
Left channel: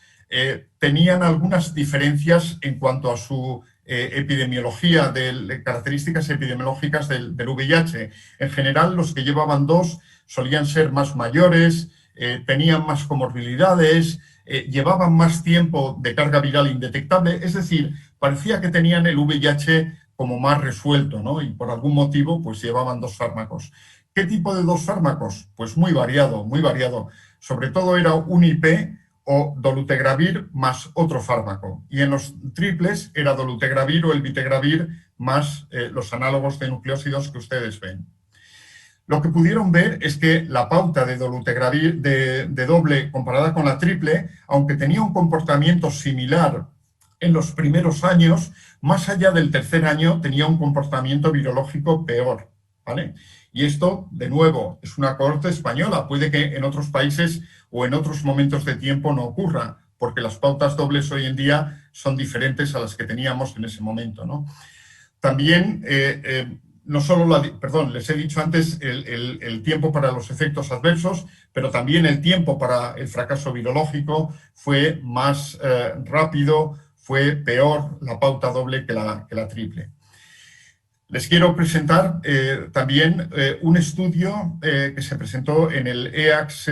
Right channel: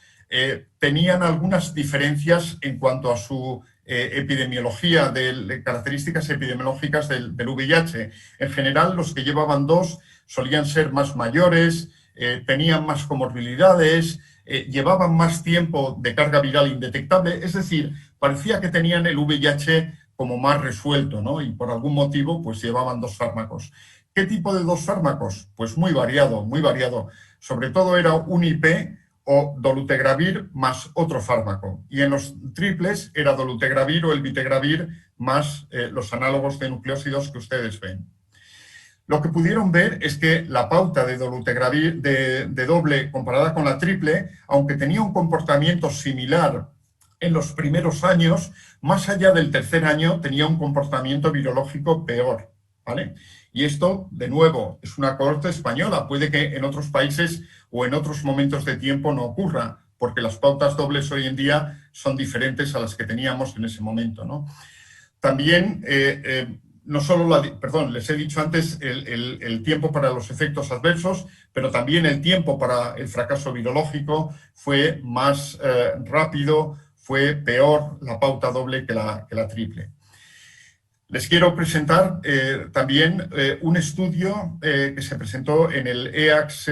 tenían algunas diferencias en cuanto a su epidemiología, de características epidemiológicas del VIH. En general, los que llevaban 2 solían ser más mayores, tenían más comorbilidades, llevaban más tiempo de carga viral indetectable, es decir, parecía que tenían el VIH como más resuelto, ¿no? Y por algún motivo, pues llevaban 2 fármacos. ¿Qué tipo de 2 fármacos? Pues muy variado, muy variado. Sobre todo era un IP o dolutegravir más otro fármaco. Y en los triples era dolutegravir o el vitegravir más los análogos de nucleósidos que ustedes ven. Lo que pudieron ver es que la pauta de dolutegravir de doble comparada con la triple, aunque tenía un comportamiento similar en los primeros años, más allá del tercer año tenía un comportamiento virológico peor, ¿vale? Y esto, de nuevo, es una cohorte española. Puede que en otros países o en otros momentos de tiempo no ocurra, porque las pautas dobles hoy en día son diferentes a las que teníamos en ese momento, ¿no? También, no solo les he dicho antes el tiempo para los efectos adversos, pero también el tiempo para el fracaso virológico fue más rápido, fue peor la pauta doble que la triple. Les quiero presentar también un estudio que se presentó en el EACS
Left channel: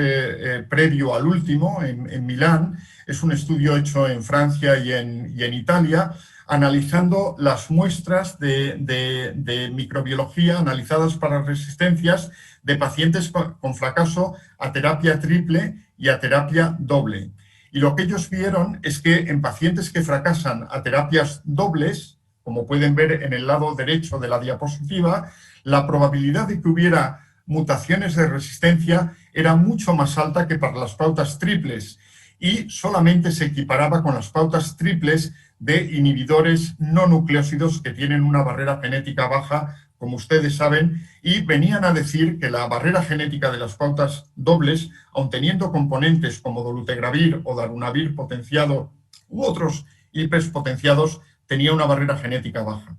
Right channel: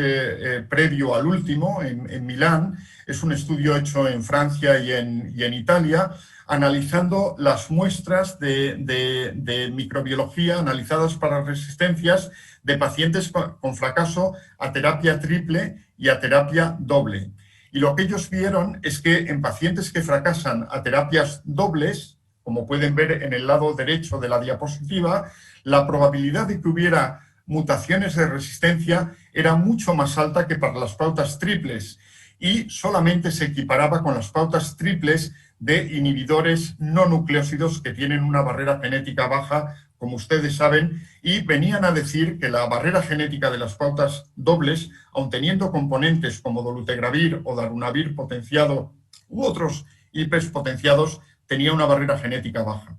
previo al último, en Milán. Es un estudio hecho en Francia y en Italia, analizando las muestras de microbiología analizadas para resistencias de pacientes con fracaso a terapia triple y a terapia doble. Y lo que ellos vieron es que en pacientes que fracasan a terapias dobles, como pueden ver en el lado derecho de la diapositiva, la probabilidad de que hubiera mutaciones de resistencia era mucho más alta que para las pautas triples y solamente se equiparaba con las pautas triples de inhibidores no nucleósidos que tienen una barrera genética baja, como ustedes saben, y venían a decir que la barrera genética de las pautas dobles, aun teniendo componentes como dolutegravir o darunavir potenciado u otros IPs potenciados, tenía una barrera genética baja.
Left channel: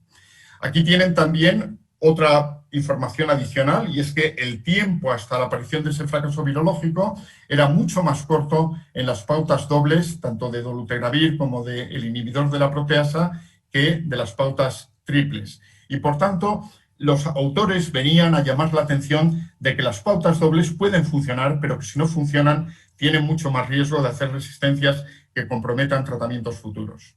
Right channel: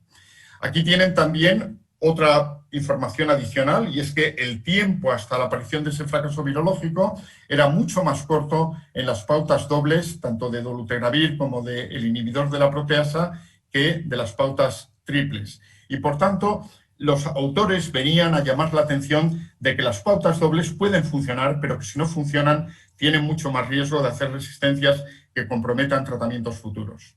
Aquí tienen también otra información adicional, y es que el tiempo hasta la aparición de ese fracaso virológico era mucho más corto en las pautas dobles, tanto de dolutegravir como del inhibidor de la proteasa, que de las pautas triples. Y por tanto, los autores venían a llamar la atención de que las pautas dobles pueden funcionar, pero que si no funcionan, tienen mucho más riesgo de hacer resistencias que comprometan tratamientos futuros.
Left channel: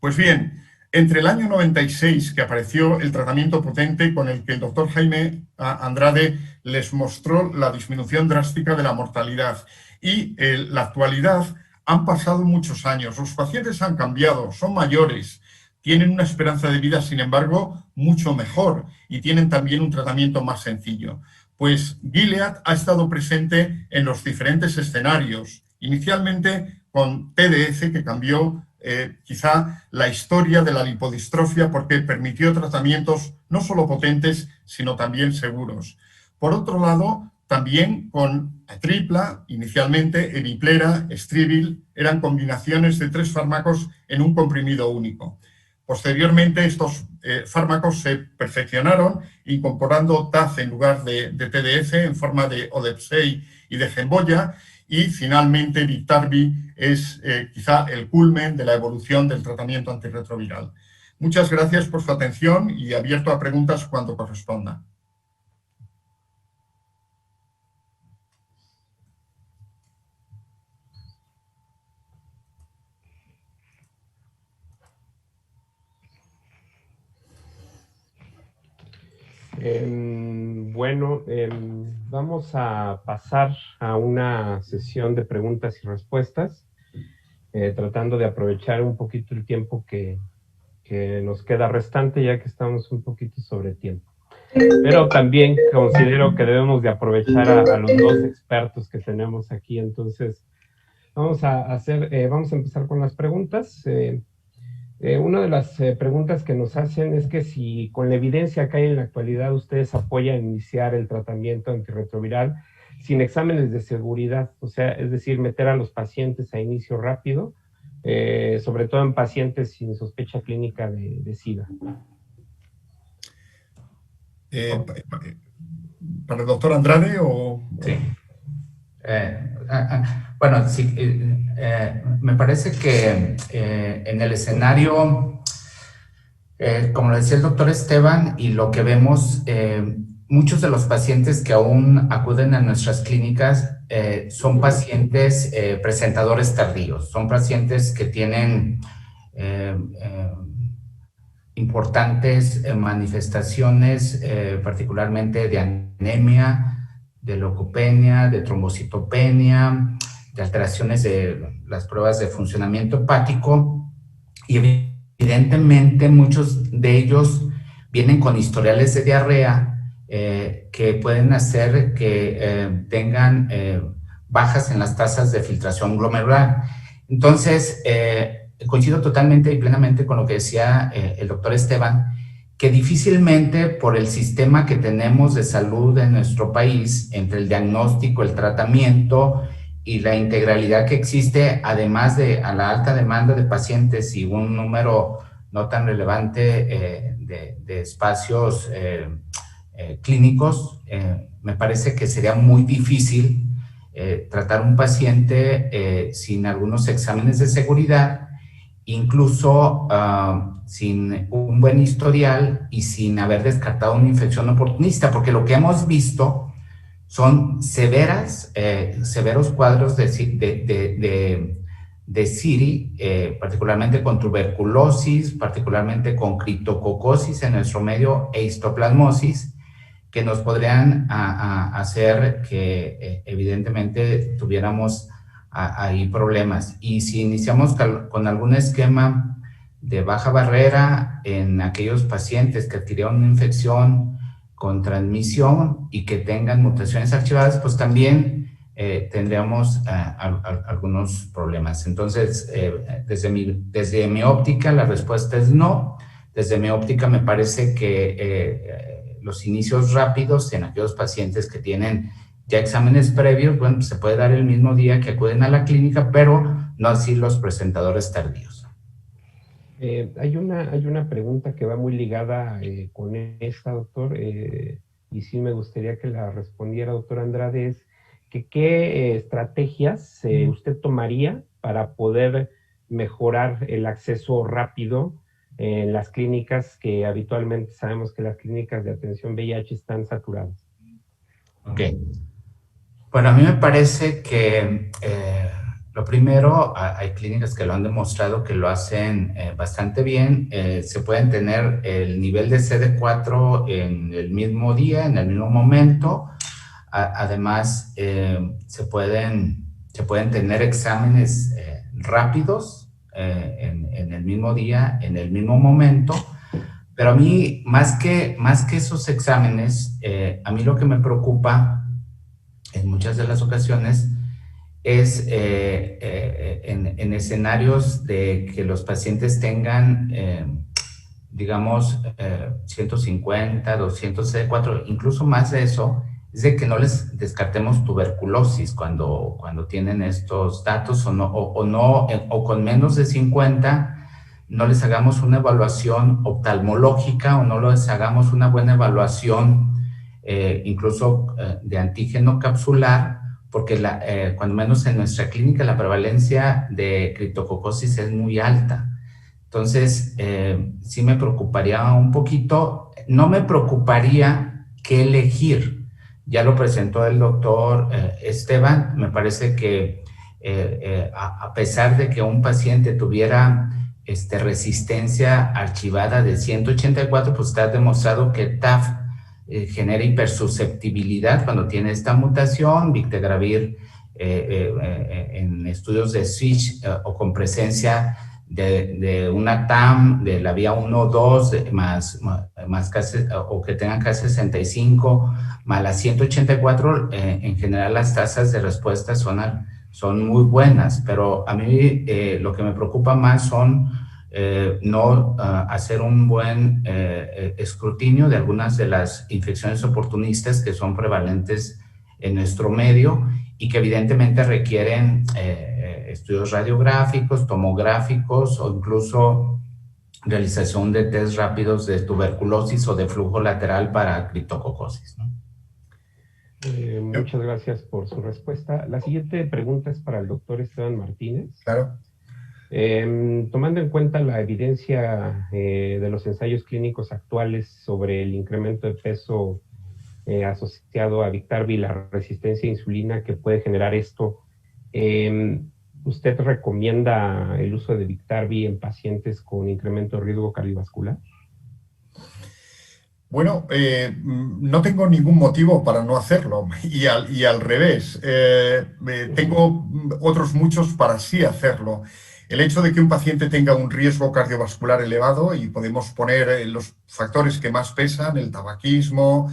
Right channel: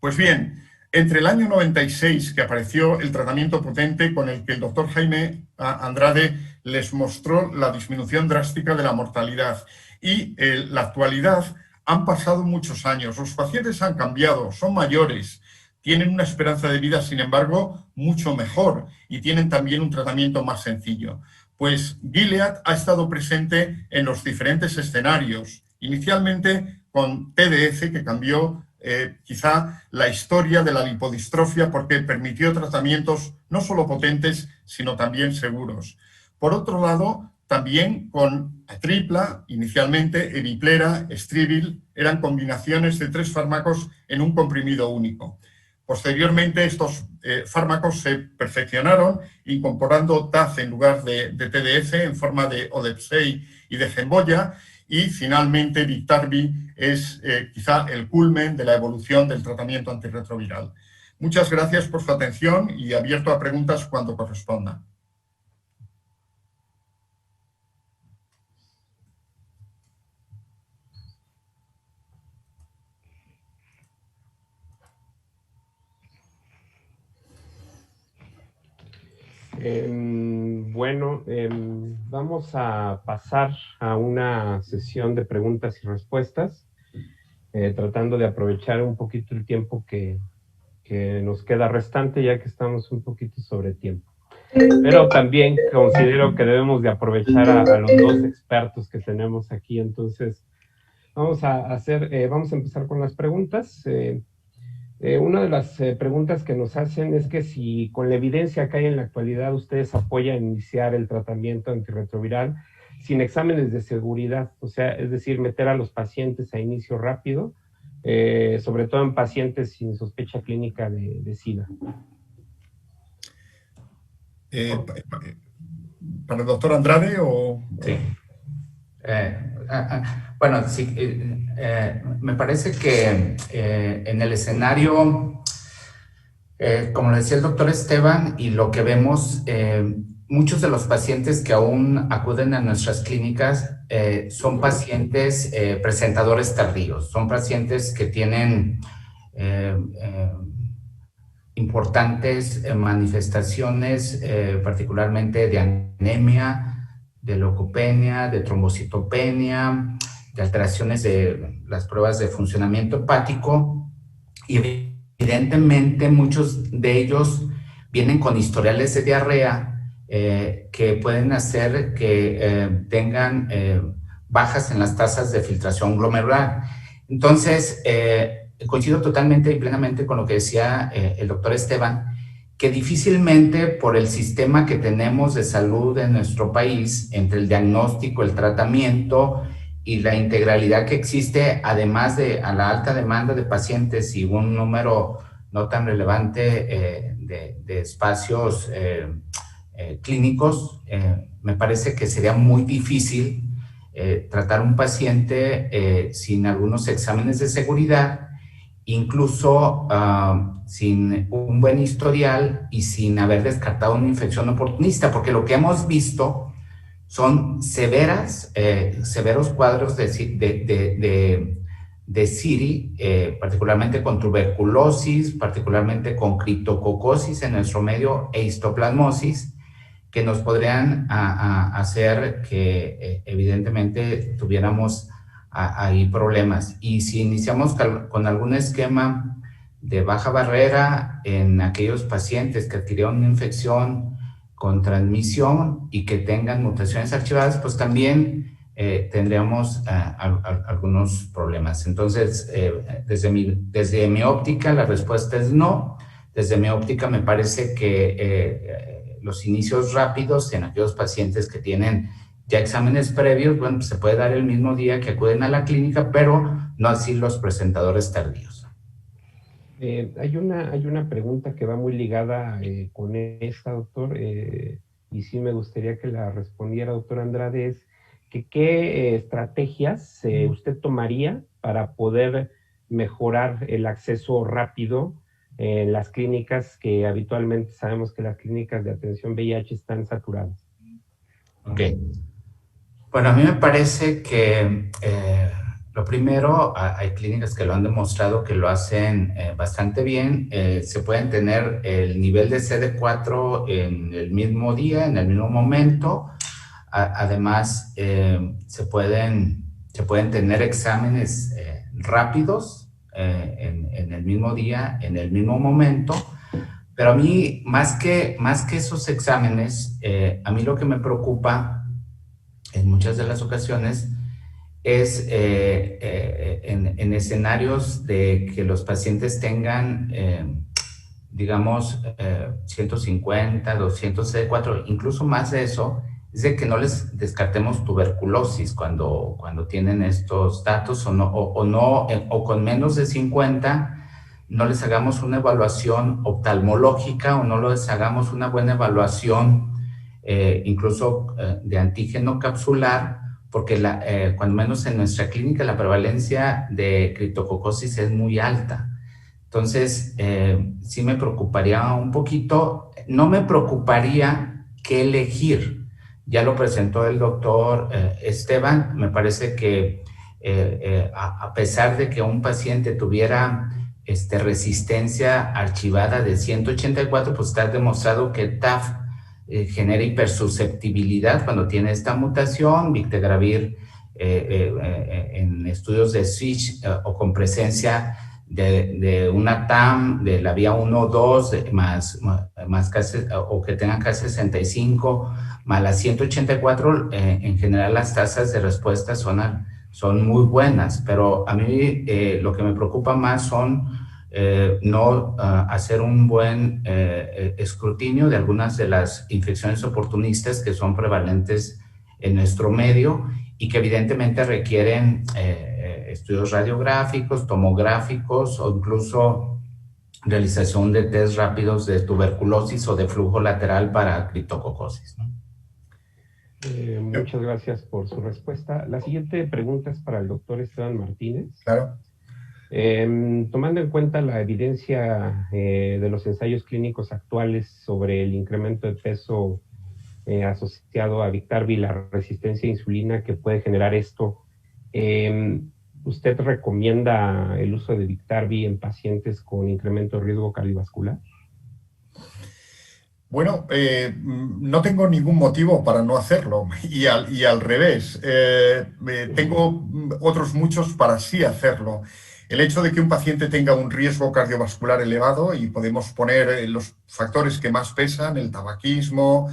Pues bien, entre el año 96, que apareció el tratamiento potente con el que el doctor Jaime Andrade les mostró la disminución drástica de la mortalidad, y la actualidad, han pasado muchos años, los pacientes han cambiado, son mayores, tienen una esperanza de vida, sin embargo, mucho mejor, y tienen también un tratamiento más sencillo. Pues Gilead ha estado presente en los diferentes escenarios, inicialmente con TDF, que cambió quizá la historia de la lipodistrofia porque permitió tratamientos no solo potentes, sino también seguros. Por otro lado, también con Atripla, inicialmente Emiplera, Estrivil, eran combinaciones de 3 fármacos en un comprimido único. Posteriormente, estos fármacos se perfeccionaron incorporando TAF en lugar de TDF en forma de Odepsey y de Gemboya, y finalmente Biktarvy es quizá el culmen de la evolución del tratamiento antirretroviral. Muchas gracias por su atención y abierto a preguntas cuando corresponda. Bueno, vamos a pasar a una sesión de preguntas y respuestas, tratando de aprovechar un poquito el tiempo que nos queda restante, ya que estamos un poquito sobre tiempo. Pero también considero que debemos de aprovechar a los 2 expertos que tenemos aquí. Entonces, vamos a empezar con las preguntas. Una de las preguntas que nos hacen es que si con la evidencia que hay en la actualidad ustedes apoyan iniciar el tratamiento antirretroviral sin exámenes de seguridad, o sea, es decir, meter a los pacientes a inicio rápido, sobre todo en pacientes sin sospecha clínica de SIDA. ¿Para el doctor Andrade o...? Sí. Bueno, sí, me parece que en el escenario, como lo decía el doctor Esteban, y lo que vemos, muchos de los pacientes que aún acuden a nuestras clínicas son pacientes presentadores tardíos, son pacientes que tienen importantes manifestaciones, particularmente de anemia, de leucopenia, de trombocitopenia, de alteraciones de las pruebas de funcionamiento hepático, y evidentemente muchos de ellos vienen con historiales de diarrea que pueden hacer que tengan bajas en las tasas de filtración glomerular. Entonces, coincido totalmente y plenamente con lo que decía el doctor Esteban, que difícilmente por el sistema que tenemos de salud en nuestro país, entre el diagnóstico, el tratamiento y la integralidad que existe, además de a la alta demanda de pacientes y un número no tan relevante de espacios clínicos, me parece que sería muy difícil tratar un paciente sin algunos exámenes de seguridad, incluso sin un buen historial y sin haber descartado una infección oportunista, porque lo que hemos visto son severos cuadros de CIRI, particularmente con tuberculosis, particularmente con criptococosis en nuestro medio e histoplasmosis, que nos podrían hacer que evidentemente tuviéramos ahí problemas. Y si iniciamos con algún esquema de baja barrera en aquellos pacientes que adquirieron una infección con transmisión y que tengan mutaciones archivadas, pues también tendríamos algunos problemas. Entonces, desde mi óptica, la respuesta es no. Desde mi óptica, me parece que los inicios rápidos en aquellos pacientes que tienen ya exámenes previos, bueno, pues se puede dar el mismo día que acuden a la clínica, pero no así los presentadores tardíos. Hay una pregunta que va muy ligada con esta, doctor, y sí me gustaría que la respondiera, doctor Andrade, es que qué estrategias usted tomaría para poder mejorar el acceso rápido en las clínicas, que habitualmente sabemos que las clínicas de atención VIH están saturadas. Ok. Bueno, a mí me parece que lo primero, hay clínicas que lo han demostrado que lo hacen bastante bien. Se pueden tener el nivel de CD4 en el mismo día, en el mismo momento. Además, se pueden tener exámenes rápidos en el mismo día, en el mismo momento. Pero a mí, más que esos exámenes, a mí lo que me preocupa en muchas de las ocasiones es en escenarios de que los pacientes tengan, digamos, 150, 200 CD4, incluso más de eso, es de que no les descartemos tuberculosis cuando tienen estos datos o con menos de 50, no les hagamos una evaluación oftalmológica o no les hagamos una buena evaluación incluso de antígeno capsular, porque cuando menos en nuestra clínica la prevalencia de criptococosis es muy alta. Entonces, sí me preocuparía un poquito. No me preocuparía qué elegir. Ya lo presentó el doctor Esteban. Me parece que a pesar de que un paciente tuviera resistencia archivada de 184, pues está demostrado que TAF genera hipersusceptibilidad cuando tiene esta mutación. Victegravir en estudios de switch o con presencia de una TAM de la vía 1 o 2 más o que tengan K65 más la 184, en general las tasas de respuesta son muy buenas, pero a mí lo que me preocupa más son no hacer un buen escrutinio de algunas de las infecciones oportunistas que son prevalentes en nuestro medio y que evidentemente requieren estudios radiográficos, tomográficos o incluso realización de test rápidos de tuberculosis o de flujo lateral para criptococosis, ¿no? Muchas gracias por su respuesta. La siguiente pregunta es para el doctor Esteban Martínez. Claro. Tomando en cuenta la evidencia de los ensayos clínicos actuales sobre el incremento de peso asociado a Biktarvy, la resistencia a insulina que puede generar esto. ¿Usted recomienda el uso de Biktarvy en pacientes con incremento de riesgo cardiovascular? Bueno, no tengo ningún motivo para no hacerlo y al revés. Tengo otros muchos para sí hacerlo. El hecho de que un paciente tenga un riesgo cardiovascular elevado, y podemos poner los factores que más pesan, el tabaquismo,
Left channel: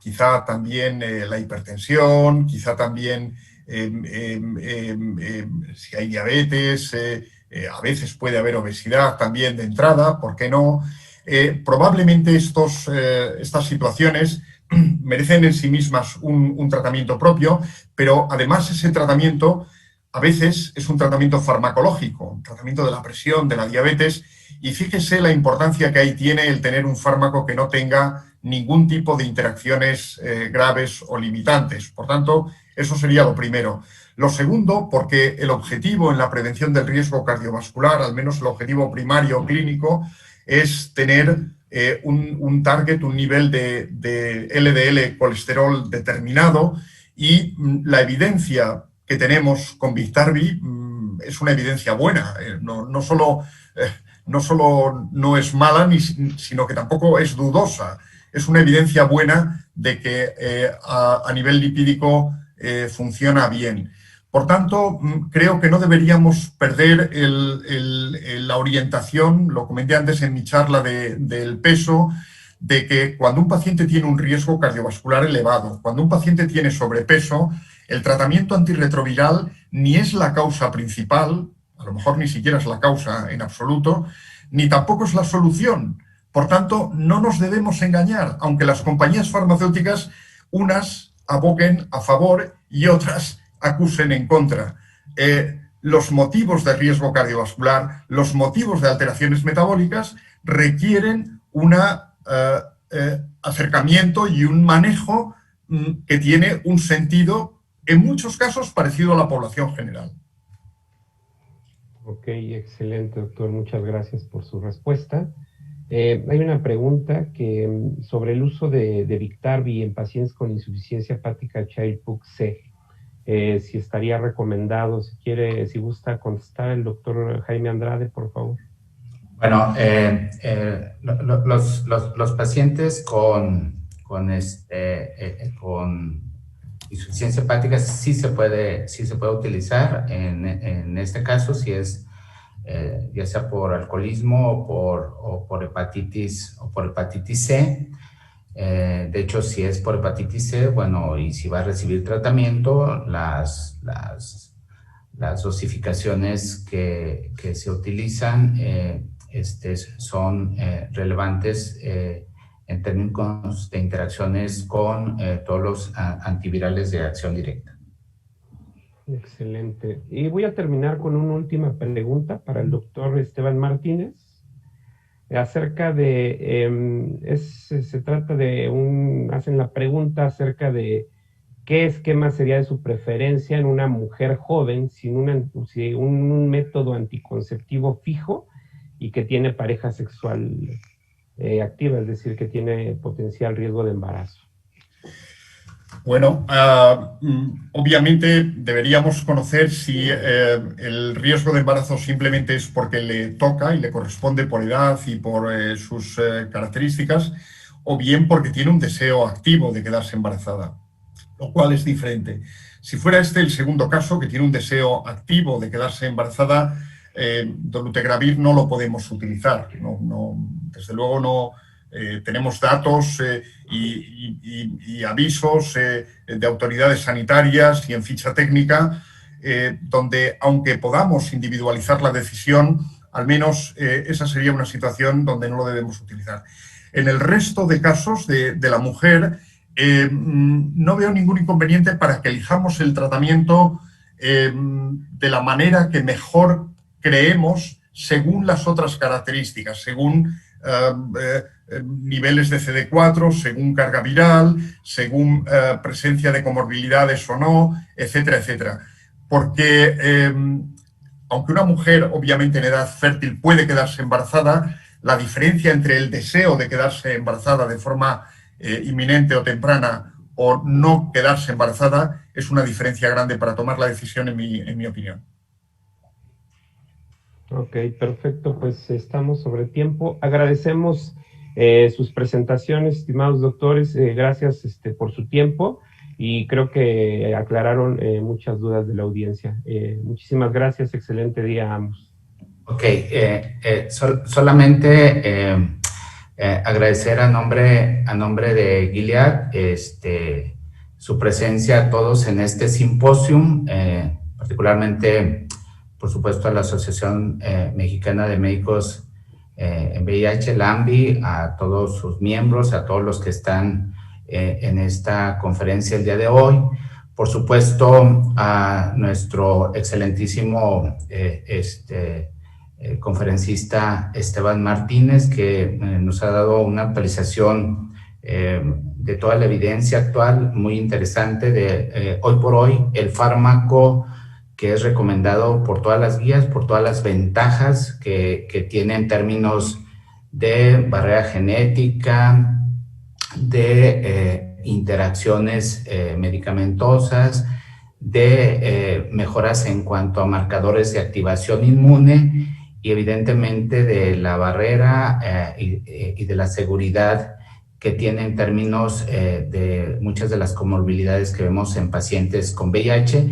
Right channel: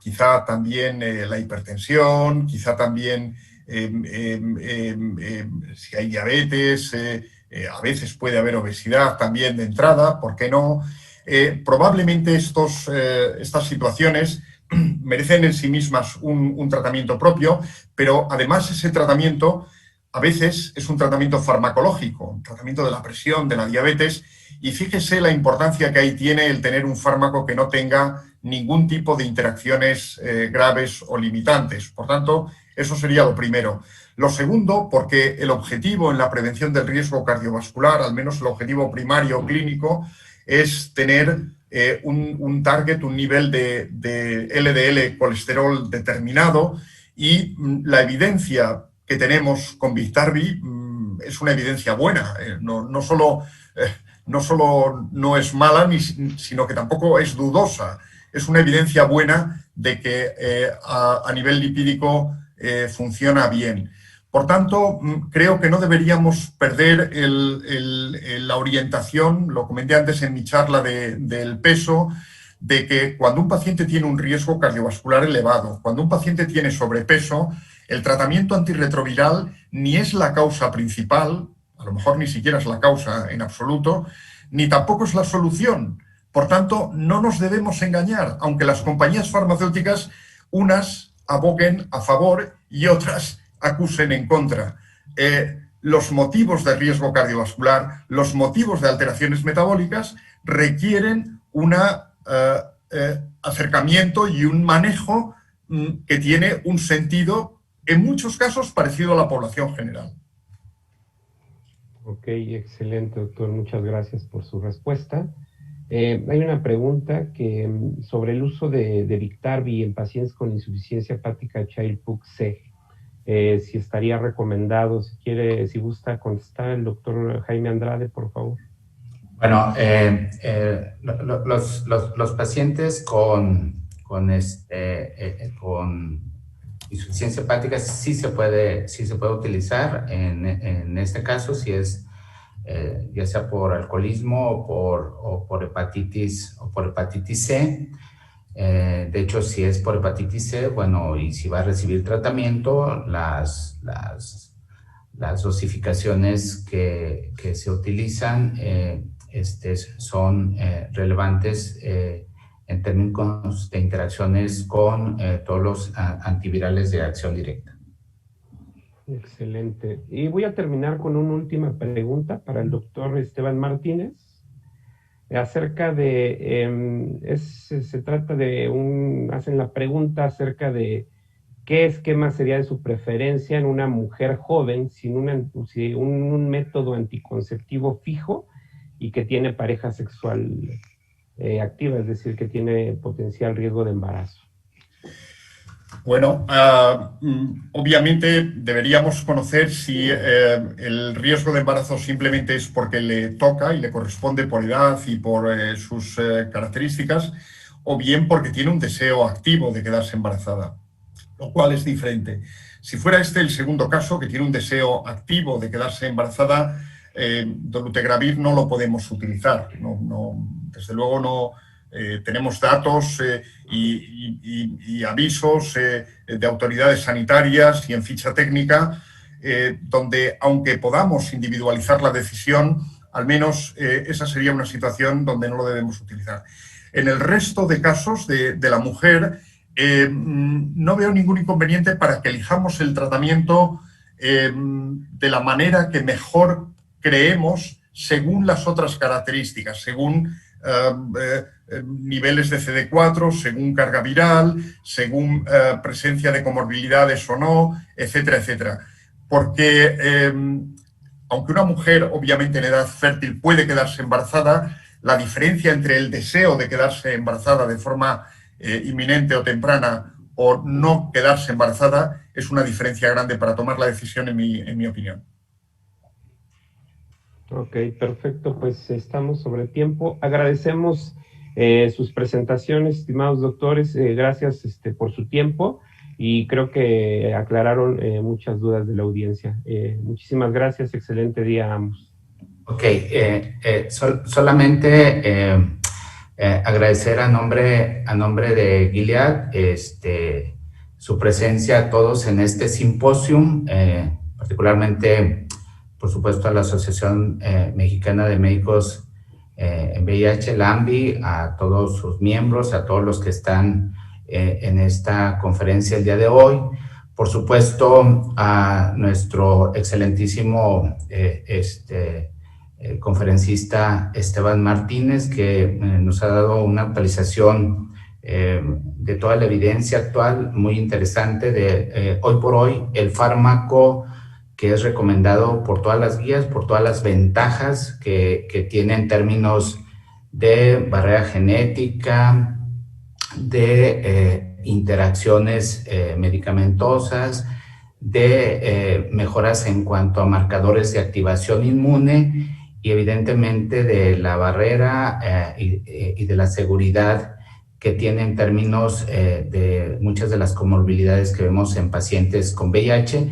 quizá también la hipertensión, quizá también si hay diabetes, a veces puede haber obesidad también de entrada, ¿por qué no? Probablemente estas situaciones merecen en sí mismas un tratamiento propio, pero además ese tratamiento a veces es un tratamiento farmacológico, un tratamiento de la presión, de la diabetes, y fíjese la importancia que ahí tiene el tener un fármaco que no tenga ningún tipo de interacciones graves o limitantes. Por tanto, eso sería lo primero. Lo segundo, porque el objetivo en la prevención del riesgo cardiovascular, al menos el objetivo primario clínico, es tener un target, un nivel de LDL colesterol determinado, y la evidencia que tenemos con Biktarvy es una evidencia buena. No solo no es mala, sino que tampoco es dudosa. Es una evidencia buena de que a nivel lipídico funciona bien. Por tanto, creo que no deberíamos perder la orientación, lo comenté antes en mi charla del peso, de que cuando un paciente tiene un riesgo cardiovascular elevado, cuando un paciente tiene sobrepeso, el tratamiento antirretroviral ni es la causa principal, a lo mejor ni siquiera es la causa en absoluto, ni tampoco es la solución. Por tanto, no nos debemos engañar, aunque las compañías farmacéuticas, unas aboquen a favor y otras acusen en contra. Los motivos de riesgo cardiovascular, los motivos de alteraciones metabólicas requieren un acercamiento y un manejo que tiene un sentido, en muchos casos, parecido a la población general. Ok, excelente, doctor. Muchas gracias por su respuesta. Hay una pregunta sobre el uso de Biktarvy en pacientes con insuficiencia hepática Child-Pugh-C. Si estaría recomendado, si gusta contestar el doctor Jaime Andrade, por favor. Bueno, los pacientes con insuficiencia hepática sí se puede utilizar. En este caso, si es ya sea por alcoholismo o por hepatitis C. De hecho, si es por hepatitis C, bueno, y si va a recibir tratamiento, las dosificaciones que se utilizan son relevantes en términos de interacciones con todos los antivirales de acción directa. Excelente. Y voy a terminar con una última pregunta para el doctor Esteban Martínez. Acerca de, se trata de hacen la pregunta acerca de qué esquema sería de su preferencia en una mujer joven sin un método anticonceptivo fijo y que tiene pareja sexual activa, es decir, que tiene potencial riesgo de embarazo. Bueno, obviamente deberíamos conocer si el riesgo de embarazo simplemente es porque le toca y le corresponde por edad y por sus características, o bien porque tiene un deseo activo de quedarse embarazada, lo cual es diferente. Si fuera el segundo caso, que tiene un deseo activo de quedarse embarazada, dolutegravir no lo podemos utilizar. Desde luego no. Tenemos datos y avisos de autoridades sanitarias y en ficha técnica donde, aunque podamos individualizar la decisión, al menos esa sería una situación donde no lo debemos utilizar. En el resto de casos de la mujer, no veo ningún inconveniente para que elijamos el tratamiento de la manera que mejor creemos según las otras características, según niveles de CD4, según carga viral, según presencia de comorbilidades o no, etcétera, etcétera. Porque aunque una mujer obviamente en edad fértil puede quedarse embarazada, la diferencia entre el deseo de quedarse embarazada de forma inminente o temprana o no quedarse embarazada es una diferencia grande para tomar la decisión, en mi opinión. Ok, perfecto, pues estamos sobre tiempo. Agradecemos sus presentaciones, estimados doctores, gracias por su tiempo y creo que aclararon muchas dudas de la audiencia. Muchísimas gracias, excelente día a ambos. Ok, solamente agradecer a nombre de Gilead su presencia a todos en este simposium, particularmente, por supuesto, a la Asociación Mexicana de Médicos en VIH, la AMBI, a todos sus miembros, a todos los que están en esta conferencia el día de hoy. Por supuesto, a nuestro excelentísimo conferencista Esteban Martínez, que nos ha dado una actualización de toda la evidencia actual muy interesante de hoy por hoy, el fármaco que es recomendado por todas las guías, por todas las ventajas que tiene en términos de barrera genética, de interacciones medicamentosas, de mejoras en cuanto a marcadores de activación inmune y evidentemente de la barrera y de la seguridad que tiene en términos de muchas de las comorbilidades que vemos en pacientes con VIH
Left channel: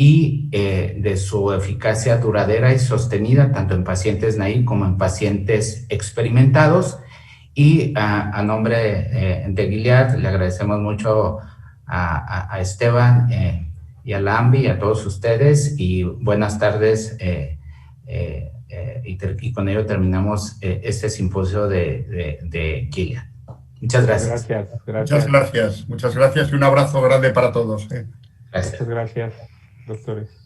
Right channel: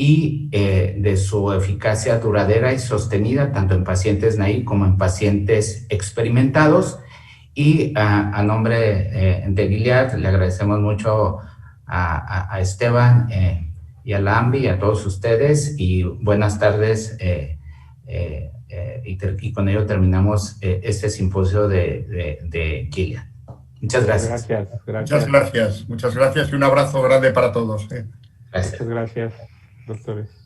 y de su eficacia duradera y sostenida tanto en pacientes naive como en pacientes experimentados. Y a nombre de Gilead le agradecemos mucho a Esteban y a la AMBI y a todos ustedes y buenas tardes y con ello terminamos este simposio de Gilead. Muchas gracias. Muchas gracias y un abrazo grande para todos. Gracias. Muchas gracias, doctores.